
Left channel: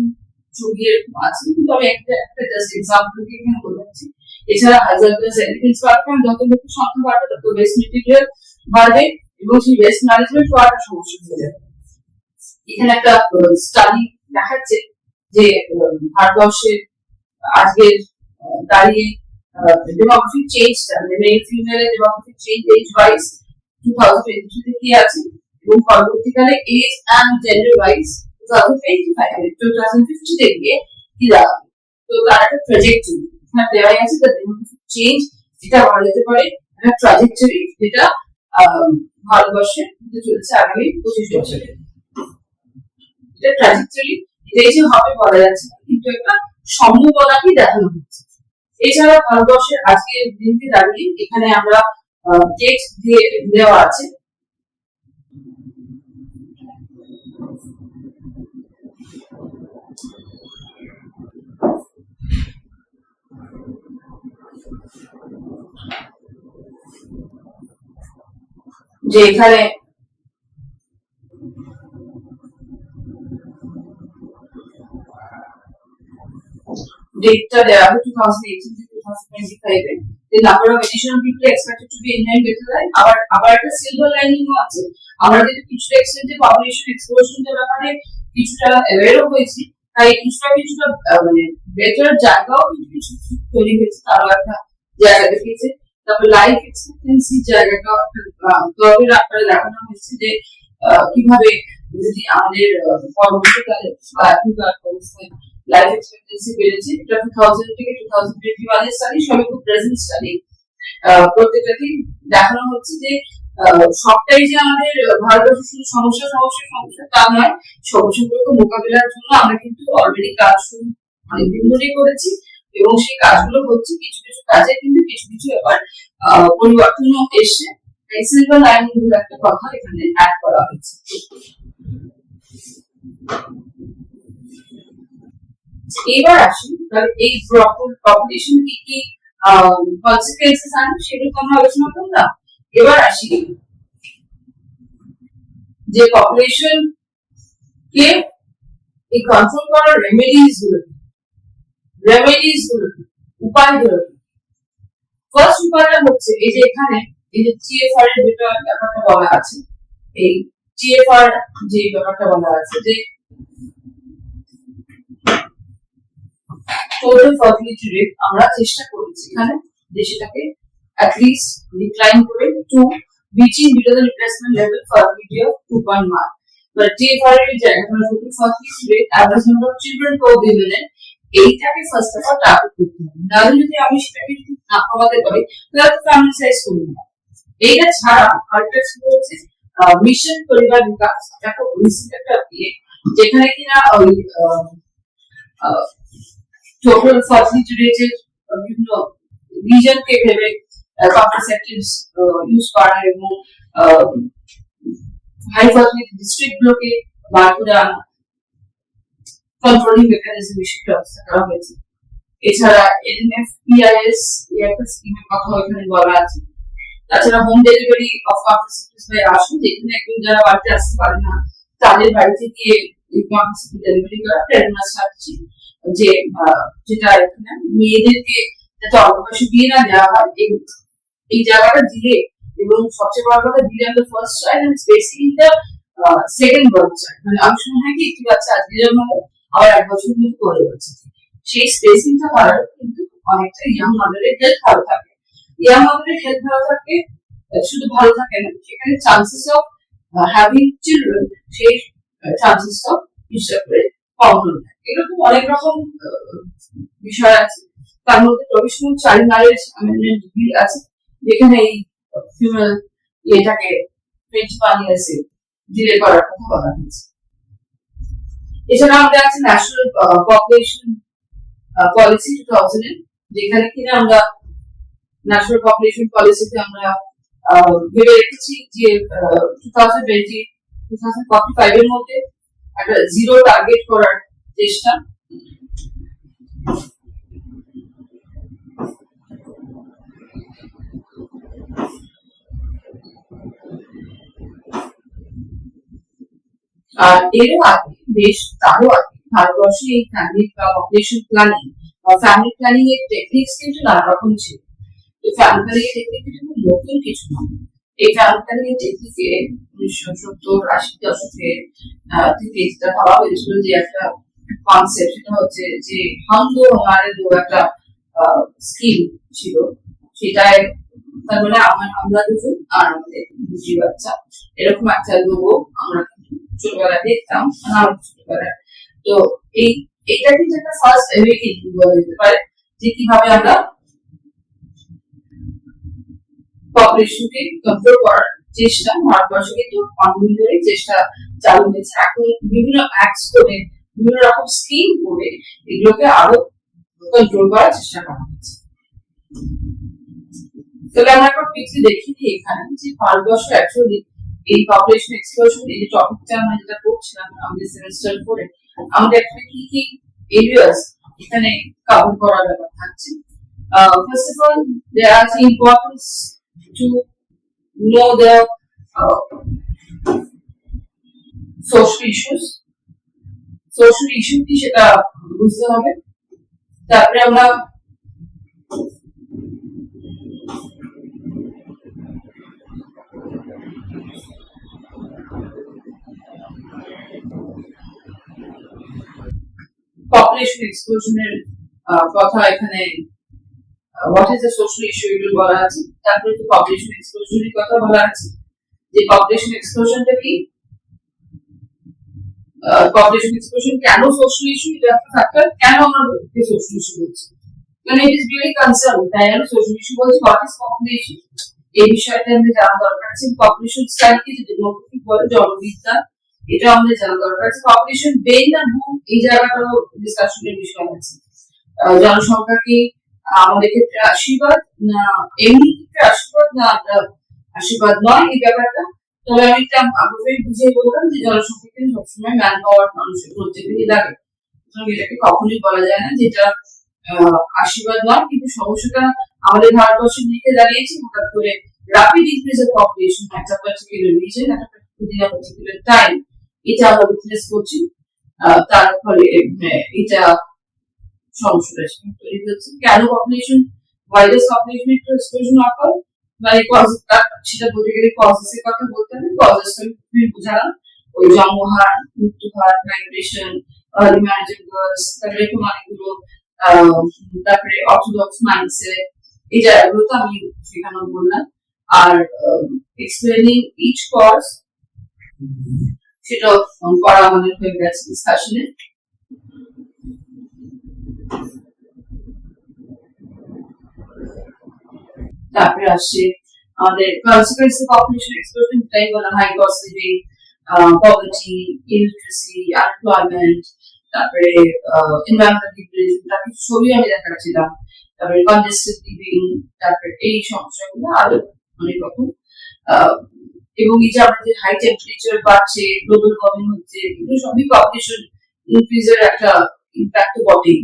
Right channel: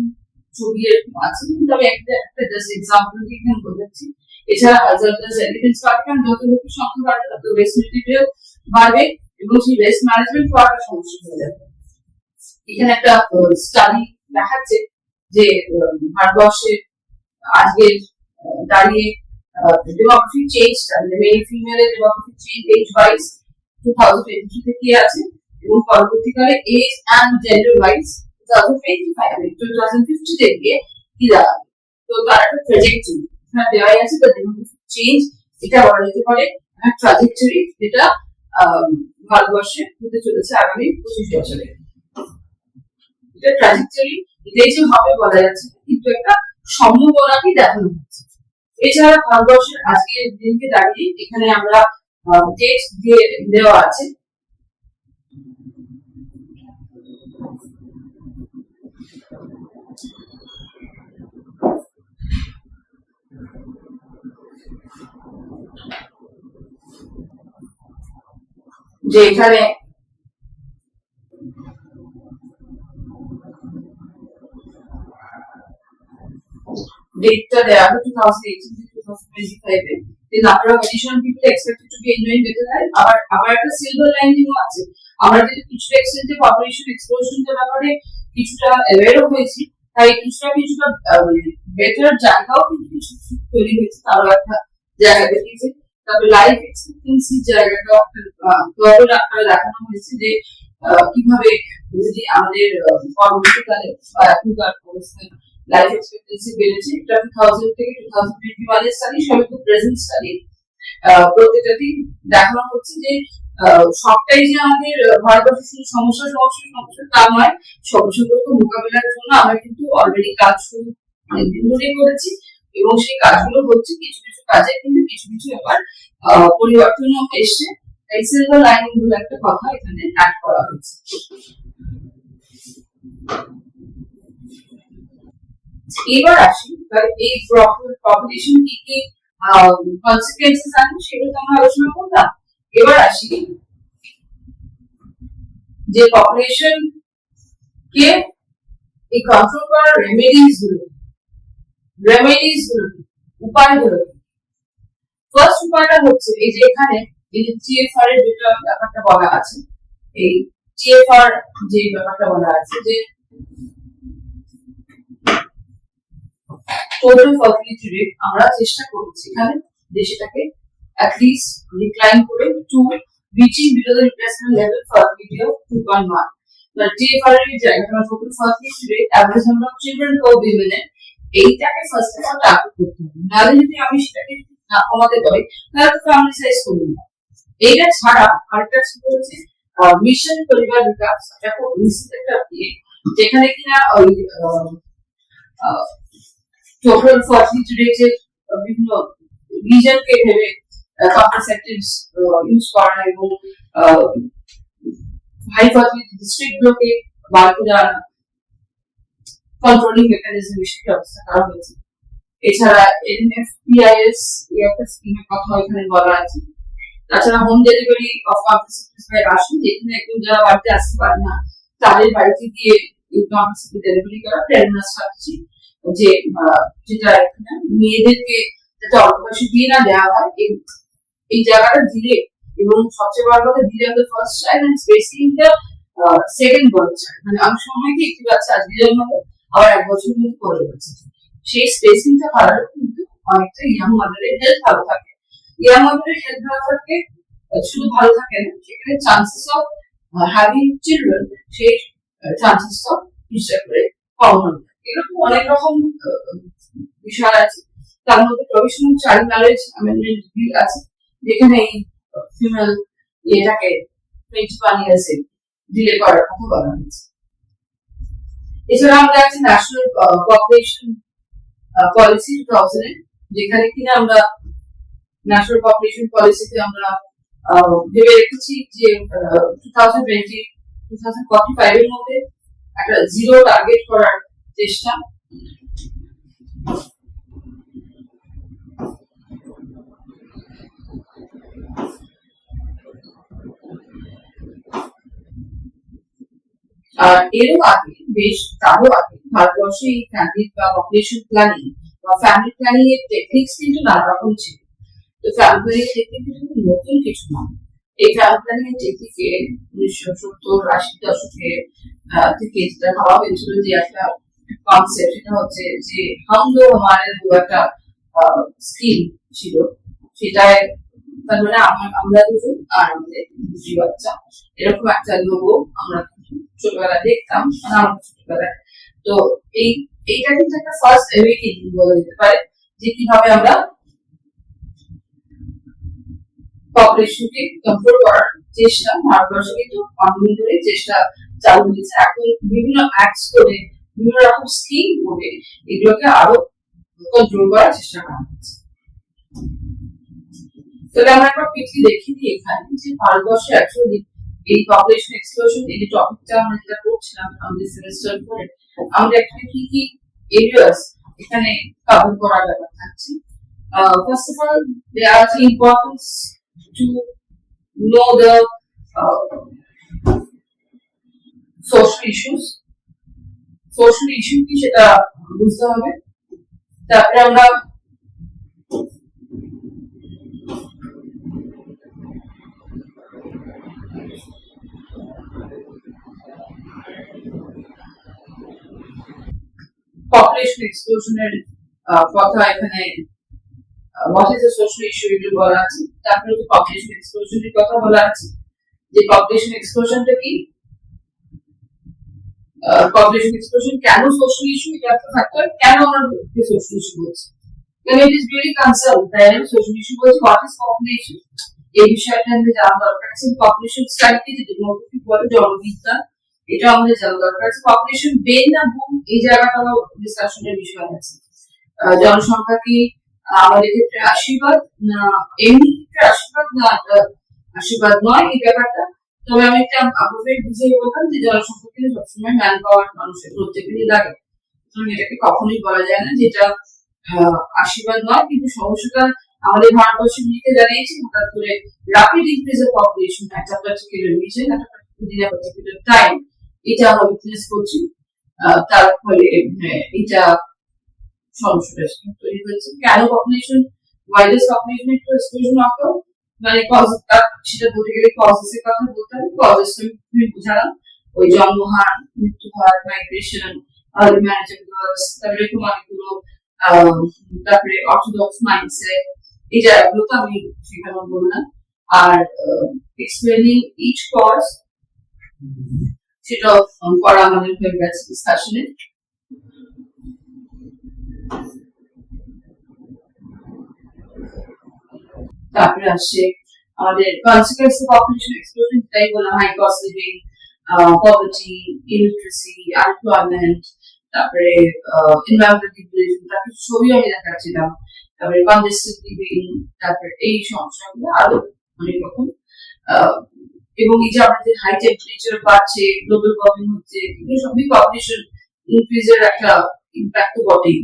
ছবি এরকম আছে, কিন্তু আমি একটা জাস্ট এক্সাম্পল দিয়ে এখানে বোঝাচ্ছি। এছাড়া হাজারদাস এলিমেন্টস বাড়বে, যত লোকের সংখ্যা বাড়বে তত ওয়েস্ট মেটেরিয়াল বাড়বে এবং সেই ওয়েস্ট ম্যানেজমেন্ট হওয়ার সমস্যা হয়ে যাবে। এখানে একটা স্টাডি দেখাচ্ছে যে ভারতবর্ষে আজকে দাঁড়িয়ে ডেমোগ্রাফিক চেঞ্জটা, মানে মেল ফিমেলের ডেমোগ্রাফিক চেঞ্জ এজ ওয়াইজ 2023 তে কি আছে, এবং পরবর্তীকালে এজ এন্ড জেন্ডার ওয়াইজ 2050 তে গিয়ে কি দাঁড়াবে। তো তার একটা ট্র্যাজেক্টরি এখানে দেওয়া আছে, দ্য ডেমোগ্রাফিক চেঞ্জ, এটা বলা যেতে পারে একটা ট্র্যাজেক্টরি যেটা ভারতবর্ষে হতে চলেছে আগামী 25 বছরে। এটা ট্র্যাজেক্টরি, এটাই যে হবে বলা যাচ্ছে, কিন্তু একটা সম্ভাবনাকে দেখানো হচ্ছে। এছাড়া ভারতবর্ষের আজকের দিনকে দাঁড়িয়ে এখানে আমরা টেক্সট দিয়ে দেওয়া আছে, যে এখানে ডেটটা দেওয়া আছে 2018 to 2025 A. The number of additional people expected to be enjoying better life. আবার একটা সিলভার লাইনিংও আছে, আমরা যদি কিছু এক্সটেন্টে পপুলেশন এক্সপ্লোশনের ব্যাপারে কিছুটা অ্যাওয়্যার হয়েছি, তাই কিছুটা মানে বেটার জায়গাও কিন্তু কিছু তৈরি হয়েছে, তারও একটা জায়গা দেখিয়েছে। তারপরে লাইফ এক্সপেক্টেন্সি জায়গাটাও একটা গর্বের আকারে দেখানো হয়েছে, যে কিভাবে যদি আমাদের পরবর্তীকালে বা এখনকার অবস্থায় লাইফ এক্সপেক্টেন্সি বেড়েছে। এটা 2000 থেকে 2021 এর স্টাডি, সবই খুব প্রেজেন্ট স্টাডি। প্রত্যেকটাতেই দেখানো হচ্ছে যে সবটাই যে আমাদের ভারতবর্ষের শুধু সমস্যা তা নয়, সমস্যাগুলোকে মোকাবিলার জন্য আমরা কিন্তু অলরেডি কাজ শুরু অনেকদিন ধরেই করেছি, এবং সেই কাজগুলো হচ্ছে। কিছু কিছু কাজে কিন্তু কিছু এবার পরিবর্তনও এসছে। এই সিলভার লাইনিং গুলো একটা কথা এখানে অ্যাড করা হয়েছে। এবার আসি, এই পপুলেশন কি কি কনসিকুয়েন্সেস আনে সেগুলো তো আমরা আলোচনা করলাম। এবার আসি যে পপুলেশন কে এই কন্ট্রোল করার রেমেডিজ গুলো উপায়গুলো। ফার্স্ট উপায়টা হচ্ছে এই যে এখানে এই যে টিএফআর এর যেটা ব্যাপারটা বলা আছে, এই টিএফআর যে ব্যাপারটা বলা আছে যে টোটাল ফার্টিলিটি রেট আমরা চেষ্টা করেছি এখানে যে সেটাকে অ্যাটলিস্ট ডিক্লাইন করে two reaching below the replacement level fertility of 2.1. But TFR এর জায়গাটা total fertility rate average number of children per women এইটাকে ফার্স্ট অফ অল টার্গেট করতে হবে। নাহলে যদি আমি সেটাকে না কমাতে পারি তাহলে তো ফ্যামিলি সাইজ কমে যাবে। এইটা ছাড়া আরেকটা ছিল হচ্ছে মিশন পরিবার বিকাশ, এটা খুব রিসেন্ট একটা যেখানে কিনা ওই টোটাল ফার্টিলিটি রেটের বিভিন্ন রিজনকে ভেবে কন্ট্রাসেপটিভস ইউজ করা এবং হাই ফার্টিলিটি ডিস্ট্রিক্ট গুলোকে বার করে আনা, কন্ট্রোলিং মেকানিজম হিসেবে ব্যবস্থা করা হয়েছে। এছাড়া এনএফ পিআইএস একটা স্কিমের কথা এখানে বলা আছে। তাছাড়া home delivery of contraceptives by আসুন, যেখানে একদম যারা বাড়িতে আসতে পারে না তাদের বাড়িতে গিয়ে কন্ট্রাসেপটিভ ডেলিভারি করা, প্রেগন্যান্সি স্ট্র্যাটেজি যে যেটা এখানে মেয়েদেরকে যাতে অল্প বয়সে বিয়ে না দেওয়া হয় এই জায়গাটা দিলে, এবং সবচেয়ে বড় কথা দিলে আমাদের first child and spacing the second birth child, মানে অনেক সময় হয় কি একটি বাচ্চা আজকে জন্মালো আবার এক বছর মধ্যে পরে বাচ্চা, সেই স্পেসিংটা করার কিন্তু অনেকটা ইয়াং মাদারের হেলথ ভালো থাকে। ইয়াং মাদারের হেলথ ভালো থাকে, শুধু ভালো থাকে না, সেখানে চান্সেস অফ হ্যাভিং চিলড্রেন সেই চান্সেসটা হিসাব করে কম হয়ে থাকে। এরকম অনেক রকম বিষয় আছে। তার মধ্যে provisional child marriage amendment bill আছে, যেখানে এই ফিমেল এটাকে 21 ইয়ার্স ডিলে করার কথা বলা হয়েছে। এছাড়া আমাদের আছে ন্যাশনাল পপুলেশন পলিসি 2000, যেখানে কিনা আমরা ন্যাশনাল পপুলেশন পলিসিতে আমরা ভেবে রেখেছি যে 2045 এর মধ্যে একটা জিরো টার্গেট করার চেষ্টা। আর এরও আগে তারও আগে ভারতবর্ষে এই ফ্যামিলি বা পপুলেশন প্ল্যানিং বা ফ্যামিলি প্ল্যানিং এর টেকনিক্স কিন্তু নানা রকম ছিল। তো ফ্যামিলি প্ল্যানিং এর টেকনিক কিন্তু নতুন কিছু নয়। এই ফ্যামিলি প্ল্যানিং এর টেকনিকে 1970-80 দশকে থেকে যেটা ভাবা হয়েছিল যে একটা কনসেপ্ট, সেটা হচ্ছে যে হাম দো হামারে দো একটা স্কিম ছিল। সেটাই তার মানে আমরা দুজন আর আমাদের দুটি বাচ্চা, এরকম একটা লোগো আমরা ছোটবেলায় দেখতাম, মানে আমার ছোটবেলায়। তো এইটা কিন্তু একটা ফার্স্ট অ্যাওয়েকেনিং বলা যেতে পারে যে কিভাবে আমরা পপুলেশনকে কন্ট্রোল করার চেষ্টা ভারতবর্ষে কিন্তু অনেকদিন ধরে চেষ্টা চালু হয়েছে। এখন বিভিন্ন অ্যাক্টস করে বিভিন্ন রকম স্কিম করে এগুলোকে আরো কন্ট্রোল করার চেষ্টা করা হচ্ছে। তাহলে আমরা একবার পিকলি দেখি দিই এখানে যে ভারতবর্ষে অ্যাকচুয়ালি এই পপুলেশন এক্সপ্লোশন এই যে টপিকটা আমরা যেটা করছিলাম আমাদের সেমিস্টার 4 এ, আমাদের এখানে কি কি এরিয়াস এখানে কভার করার ব্যাপার থাকছে। First of all there are the importance to know the social issue কি সেটা বুঝতে হবে। তারপরে আমরা পপুলেশন এক্সপ্লোশনের কথা এখানে what is the social issue এগুলো বলা আছে। তারপরে যে পপুলেশন এক্সপ্লোশনের কথা বলা আছে, যে পপুলেশন এক্সপ্লোশনটা কি, পপুলেশন এক্সপ্লোশন কেন সোশ্যাল ইস্যু, এটা একটা ফ্যাক্টর, কেন আমরা সোশ্যাল ইস্যু বলছি, কারণ ইট ইজ রিয়েলি কনসার্ন, তাই আমি সোশ্যাল ইস্যু বলছি। হোয়াট ইজ পপুলেশন, এই বিষয়টা আমাদের জানা দরকার আছে। পপুলেশন স্টাডিকে যে ডেমোগ্রাফি বলে জনবিজ্ঞান, এটা আমাদের জানা দরকার আছে। পপুলেশন বেন না বুম, এই জায়গাটাও ডিসকাশনের বিষয় আছে। জনসংখ্যা কি আমাদের ক্ষেত্রে আশীর্বাদ না এমনি ক্ষেত্রে আশীর্বাদ না আশীর্বাদ নয়, এই ব্যাপারটা। তবে আমি একটা আগ্রহে বুঝিয়ে বললাম যে জনসংখ্যা কিন্তু সবসময় ম্যান পাওয়ার মানুষের প্রত্যেকেরই লাগে, এটাকে কখনোই বলা যায় না যেটা আশীর্বাদ নয়। কিন্তু সমস্যাটা আমাদের ভারতবর্ষের দিকে দাঁড়িয়েছে হঠাৎ করে র্যাপিড ইনক্রিজ অফ পপুলেশন একটা পার্টিকুলার রিজন, একটা within a particular time, এটা আমরা উইটনেস করছি। তার ফলে এটা সমস্যা তৈরি হচ্ছে। কেন পপুলেশন ওয়াইডেস্ট পপুলেশন একটু এক্সপ্লোশন অকার, মানে সেটা বলতে গেলে কজেস এর কথা বলতে হবে। কজেস আমি বুঝালাম, ওই জন্মহার, মৃত্যু হার, মাইগ্রেশন, আর্লি ম্যারেজ গার্লস, তারপরে এরকম অনেকগুলো তারপরে অর্থোডক্স মাইন্ডসেট, এই জায়গাগুলো তো আমি সেখানে বললাম। আর এক্সপ্লেনিং ইচ কজ সেটা করা আমাদের হয়ে গেছে ডিসকাশনে। তারপরে আসছে আমাদের কনসিকুয়েন্স অফ পপুলেশন এক্সপ্লোশন, তাই বলা high cost living, poverty, illiteracy, unemployment, তারপরে এনভায়রনমেন্টাল ডিগ্রেডেশন, তারপরে ছবি আমি দেখাচ্ছিলাম, তারপরে কনজেস্টেড লিভিং, তারপরে এই সমস্যাগুলো আরো অনেক রকম। এবং এই যে আমাদের হাই টেম্পারেচার বাড়ছে, গ্লোবাল ওয়ার্মিং হচ্ছে, এগুলো সবই পপুলেশন ইনক্রিজের একটা ইম্প্যাক্ট বটেই।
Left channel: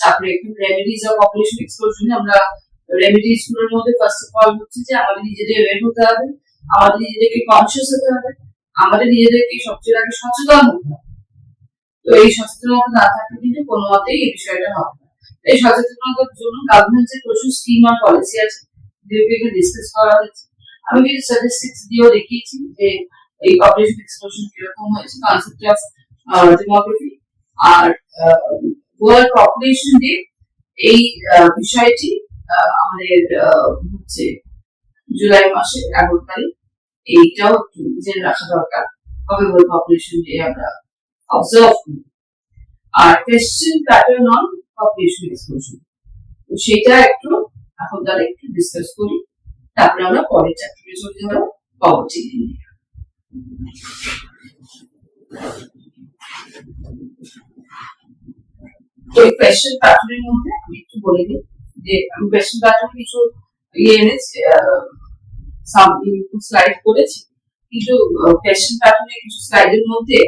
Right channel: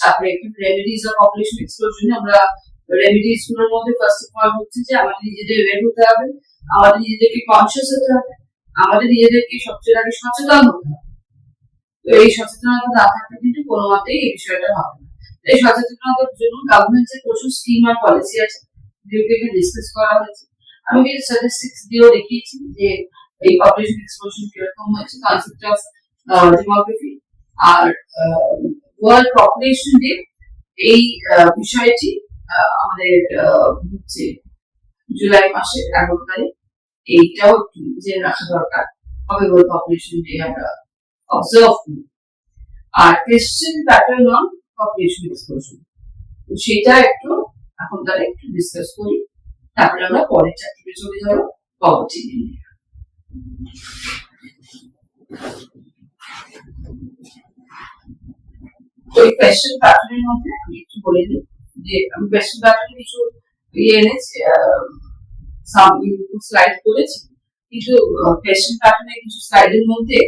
তারপরে রেমেডিজ অফ পপুলেশন এক্সপ্লোশন, আমরা রেমেডিজ গুলোর মধ্যে ফার্স্ট অফ অল হচ্ছে যে আমাদের নিজেদের অ্যাওয়্যার হতে হবে, আমাদের নিজেদেরকে কনসিয়াস হতে হবে, আমাদের নিজেদেরকে সবচেয়ে আগে সচেতন হতে হবে। তো এই সচেতনতা না থাকলে কিন্তু কোনো মতেই এই বিষয়টা হবে না। এই সচেতনতার জন্য গভর্নমেন্টের প্রচুর স্কিম আর পলিসি আছে, যেগুলো ডিসকাস করা হয়েছে। আমি কিছু স্ট্যাটিস্টিক্স দিয়েও দেখিয়েছি যে এই পপুলেশন এক্সপ্লোশন কিরকম হয়েছে, কনসেপ্ট অফ ডেমোগ্রাফি আর ওয়ার্ল্ড পপুলেশন ডে। এই বিষয়টি আমাদের হচ্ছে জুলাই মাসের 11 তারিখ, এইটাও একটু জেনে রাখা দরকার কবে ওয়ার্ল্ড পপুলেশন ডে আমরা অবজার্ভ করি। আর question pattern on population explosion, তো সেটা একটু এখন তারা একটু ডিসকাস করি, তারপরে আমরা পরের চ্যাপ্টারে চলে যাব, পভার্টি নিয়ে। তো এই কোয়েশ্চেন প্যাটার্নের মধ্যে আমি একটু বলে দিই যে আমি কোয়েশ্চেন প্যাটার্নে কিছু এনেছি, স্লাইড করেছি, কিন্তু কোয়েশ্চেন প্যাটার্নের কিছু স্লাইডের মধ্যে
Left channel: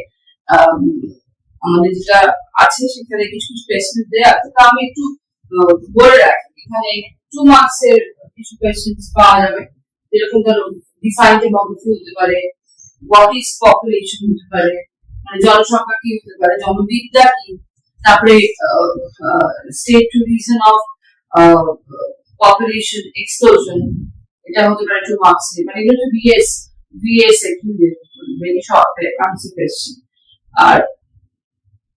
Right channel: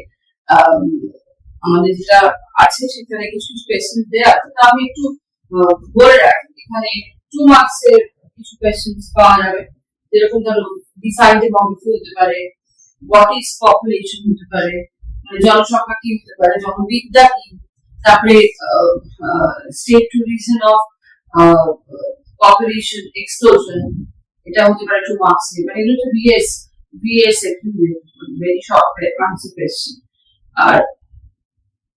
আমাদের যেটা আছে সেখানে কিছু কিছু কোয়েশ্চেন দেওয়া আছে, তা আমি একটু বলে রাখি। এখানে 2 মার্কস এর কিছু কোয়েশ্চেন পাওয়া যাবে, যেরকম ধরো ডিফাইন ডেমোগ্রাফি হতে পারে, হোয়াট ইজ পপুলেশন হতে পারে, মানে জনসংখ্যা কি হতে পারে, জনবিদ্যা কি, তারপরে state two reason of population explosion, এটা হতে পারে 2 মার্কস এর, মানে এগুলো বিএস একটু ভেরি শর্ট আনসার কোয়েশ্চেন। আর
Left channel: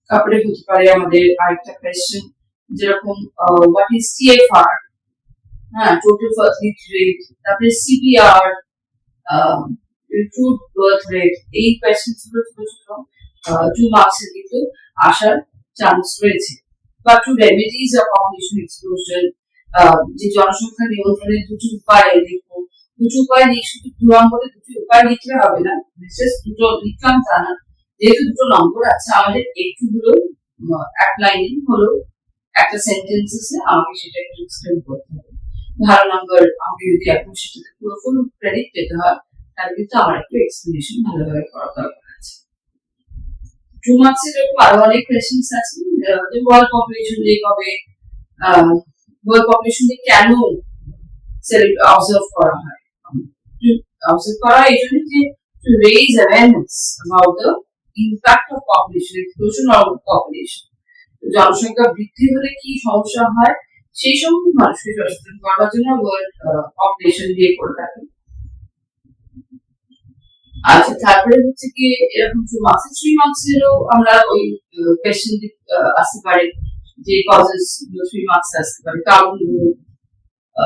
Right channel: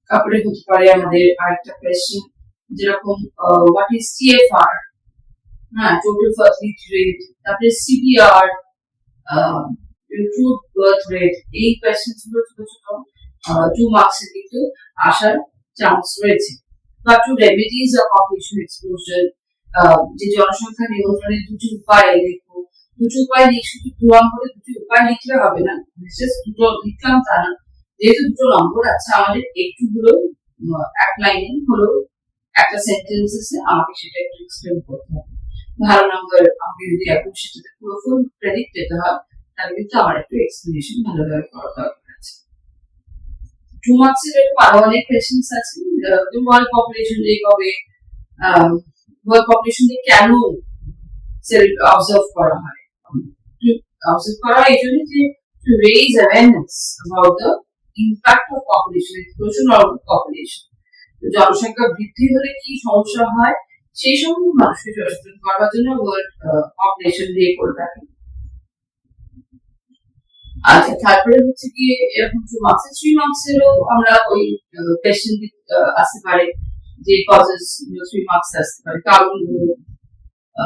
তারপরে হতে পারে আমাদের আরেকটা কোয়েশ্চেন যেরকম হোয়াট ইজ টিএফআর, হ্যাঁ, টোটাল ফার্টিলিটি রেট, তারপরে সিপিআর, ট্রু বার্থ রেট, এই কোয়েশ্চেন গুলো ছোট ছোট 2 মার্কস এর কিন্তু আসার চান্স রয়েছে। বা two remedies of population explosion, যে জনসংখ্যা নিয়ন্ত্রণের দুটি উপায় দেখবো। দুটি উপায় নিয়ে শুধু 2 নম্বরে দুটি উপায় লিখলে হবে না, বিশেষ দুটো লিখলাম তা না, যেহেতু দুটো নম্বর আছে আমাদের একটু হলেও এক লাইনে হলেও একটা সেন্টেন্সে আমাকে সেটা একটু এক্সপ্লেন করতে হবে। ভালো নাম্বার আমাকে যদি এখন সেটাতে পুরো ফুল ক্রেডিট পেতে হয়, তাহলে কিন্তু আমার একটু এক্সপ্লেনেশন ভালোভাবে করা দরকার আছে। 2 মার্কস এর আরো অনেক কোয়েশ্চেন্স আছে, যে ওয়ার্ল্ড পপুলেশন ডে কবে, ওয়ার্ল্ড পপুলেশন ডে কেন অবজার্ভ করা হয়। অবজার্ভ করা হয় এই জন্য যে to raise awareness about the impact of population explosion or population. জনসংখ্যা বৃদ্ধি হলে কি সমস্যা হয় সেই সম্বন্ধে মানুষকে সচেতন করার জন্য ওয়ার্ল্ড পপুলেশন ডে করে থাকে। আচ্ছা, তারপরে হচ্ছে কি এরকম 2 মার্কস 3 মার্কস এরও আমরা ওই কোয়েশ্চেন আসতে পারে, যে কজেস 3 মার্কস আসতে পারে, কারণ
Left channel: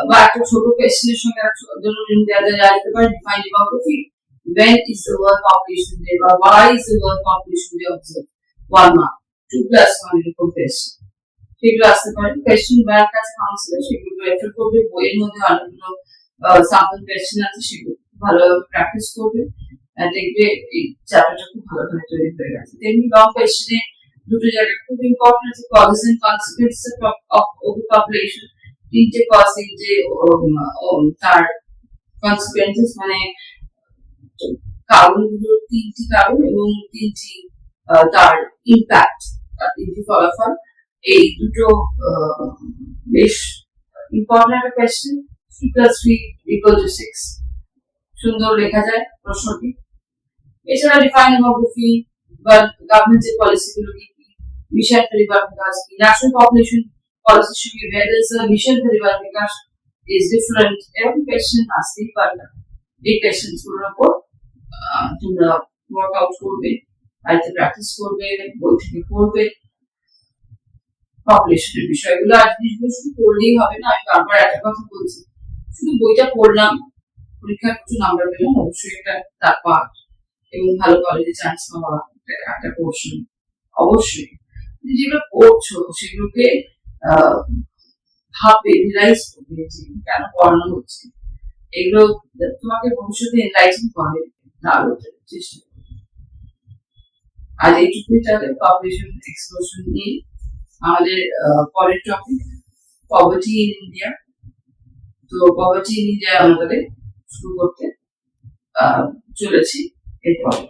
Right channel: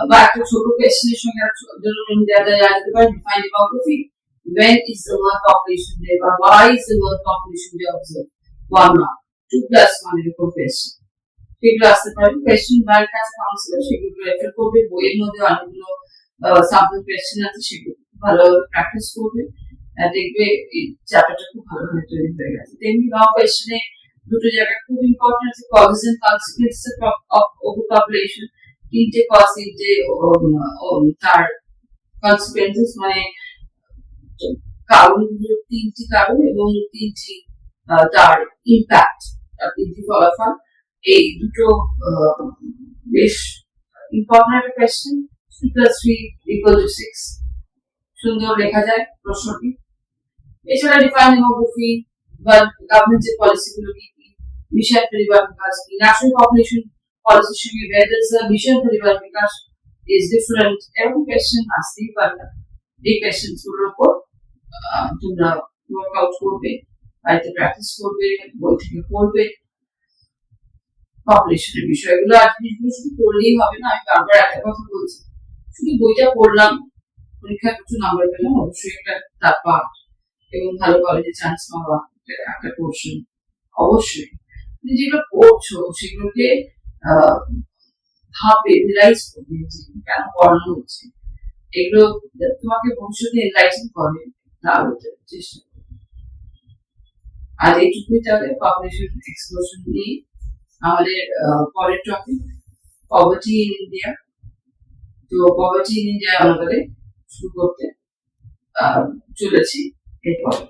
বা একটা ছোট কোয়েশ্চেনের সঙ্গে ধরুন জানতে পারে define demography, when is the world population day, or why is the world population day observed, 1 mark, 2+1 এরকম কোয়েশ্চেন সেগুলো আসতে পারে। কোয়েশ্চেন ব্যাংক আছে কাউন্সিলর, সেগুলো রেফার করবে, বইয়ের মধ্যে অনেকগুলো স্যাম্পল কোয়েশ্চেন আছে, সেগুলো ভালোভাবে প্র্যাকটিস করবে, দেখবে এই চ্যাপ্টারটা খুব ভালোভাবে তৈরি হয়ে গেছে। তেমনি লং কোয়েশ্চেনে দুটো জায়গা খুব ইম্পর্টেন্ট আছে, কজেস এন্ড কনসিকুয়েন্সেস অফ ওভারপপুলেশন, 3টে কজ, 3টে তার কনসিকুয়েন্সেস, মানে কারণগুলোর 3টি কারণ এবং 3টি তার ইম্প্যাক্ট, তার 3টি ফলাফল। এই দুটো বেশ ইম্পর্টেন্ট একটা কোয়েশ্চেন। 3+3 = 6, সুন্দর লেখা যায় প্রশ্নটি, এছাড়া ডিফাইন ডেমোগ্রাফি বা গভর্নমেন্টের পলিসিগুলো কি কি, মিশন পরিবার বিকাশ কি, ন্যাশনাল পপুলেশন পলিসির সঙ্গে where is the মিশন পরিবার বিকাশ is different, এরকম কোয়েশ্চেন আসতেই পারে। এই কোয়েশ্চেন গুলোর উপর তোমরা ওয়ার্কআউট করবে, বাড়িতে প্র্যাকটিস করবে, বই থেকে পড়বে পপুলেশনের বিষয়গুলো। আর জিনিসগুলো শুধু পড়লেই হবে না, আমি বারবার একটা কথা বলছি, শুধু বইটা পড়লাম, পরীক্ষায় প্রচুর নাম্বার পেলাম, অবশ্যই একটা তার পার্ট, এবং ভালো কলেজে চান্স পাওয়া একটা পোর্শন অবশ্যই। কিন্তু যেগুলো পড়ছো সেগুলোকে আহ ভাববে, রিয়েলাইজ করবে যে কেন পড়ানো হচ্ছে, এগুলো তোমাকে ভবিষ্যতে এনলাইটেন করে, তার চেষ্টা করবে। আজ এইটুকুই তাহলে পপুলেশন এক্সপ্লোশন নিয়ে। আমাদের পরের টপিক পভার্টি ইন ইন্ডিয়া। তো পভার্টি ইন ইন্ডিয়া আমাদের শুরু করতে চলেছি এরপরে।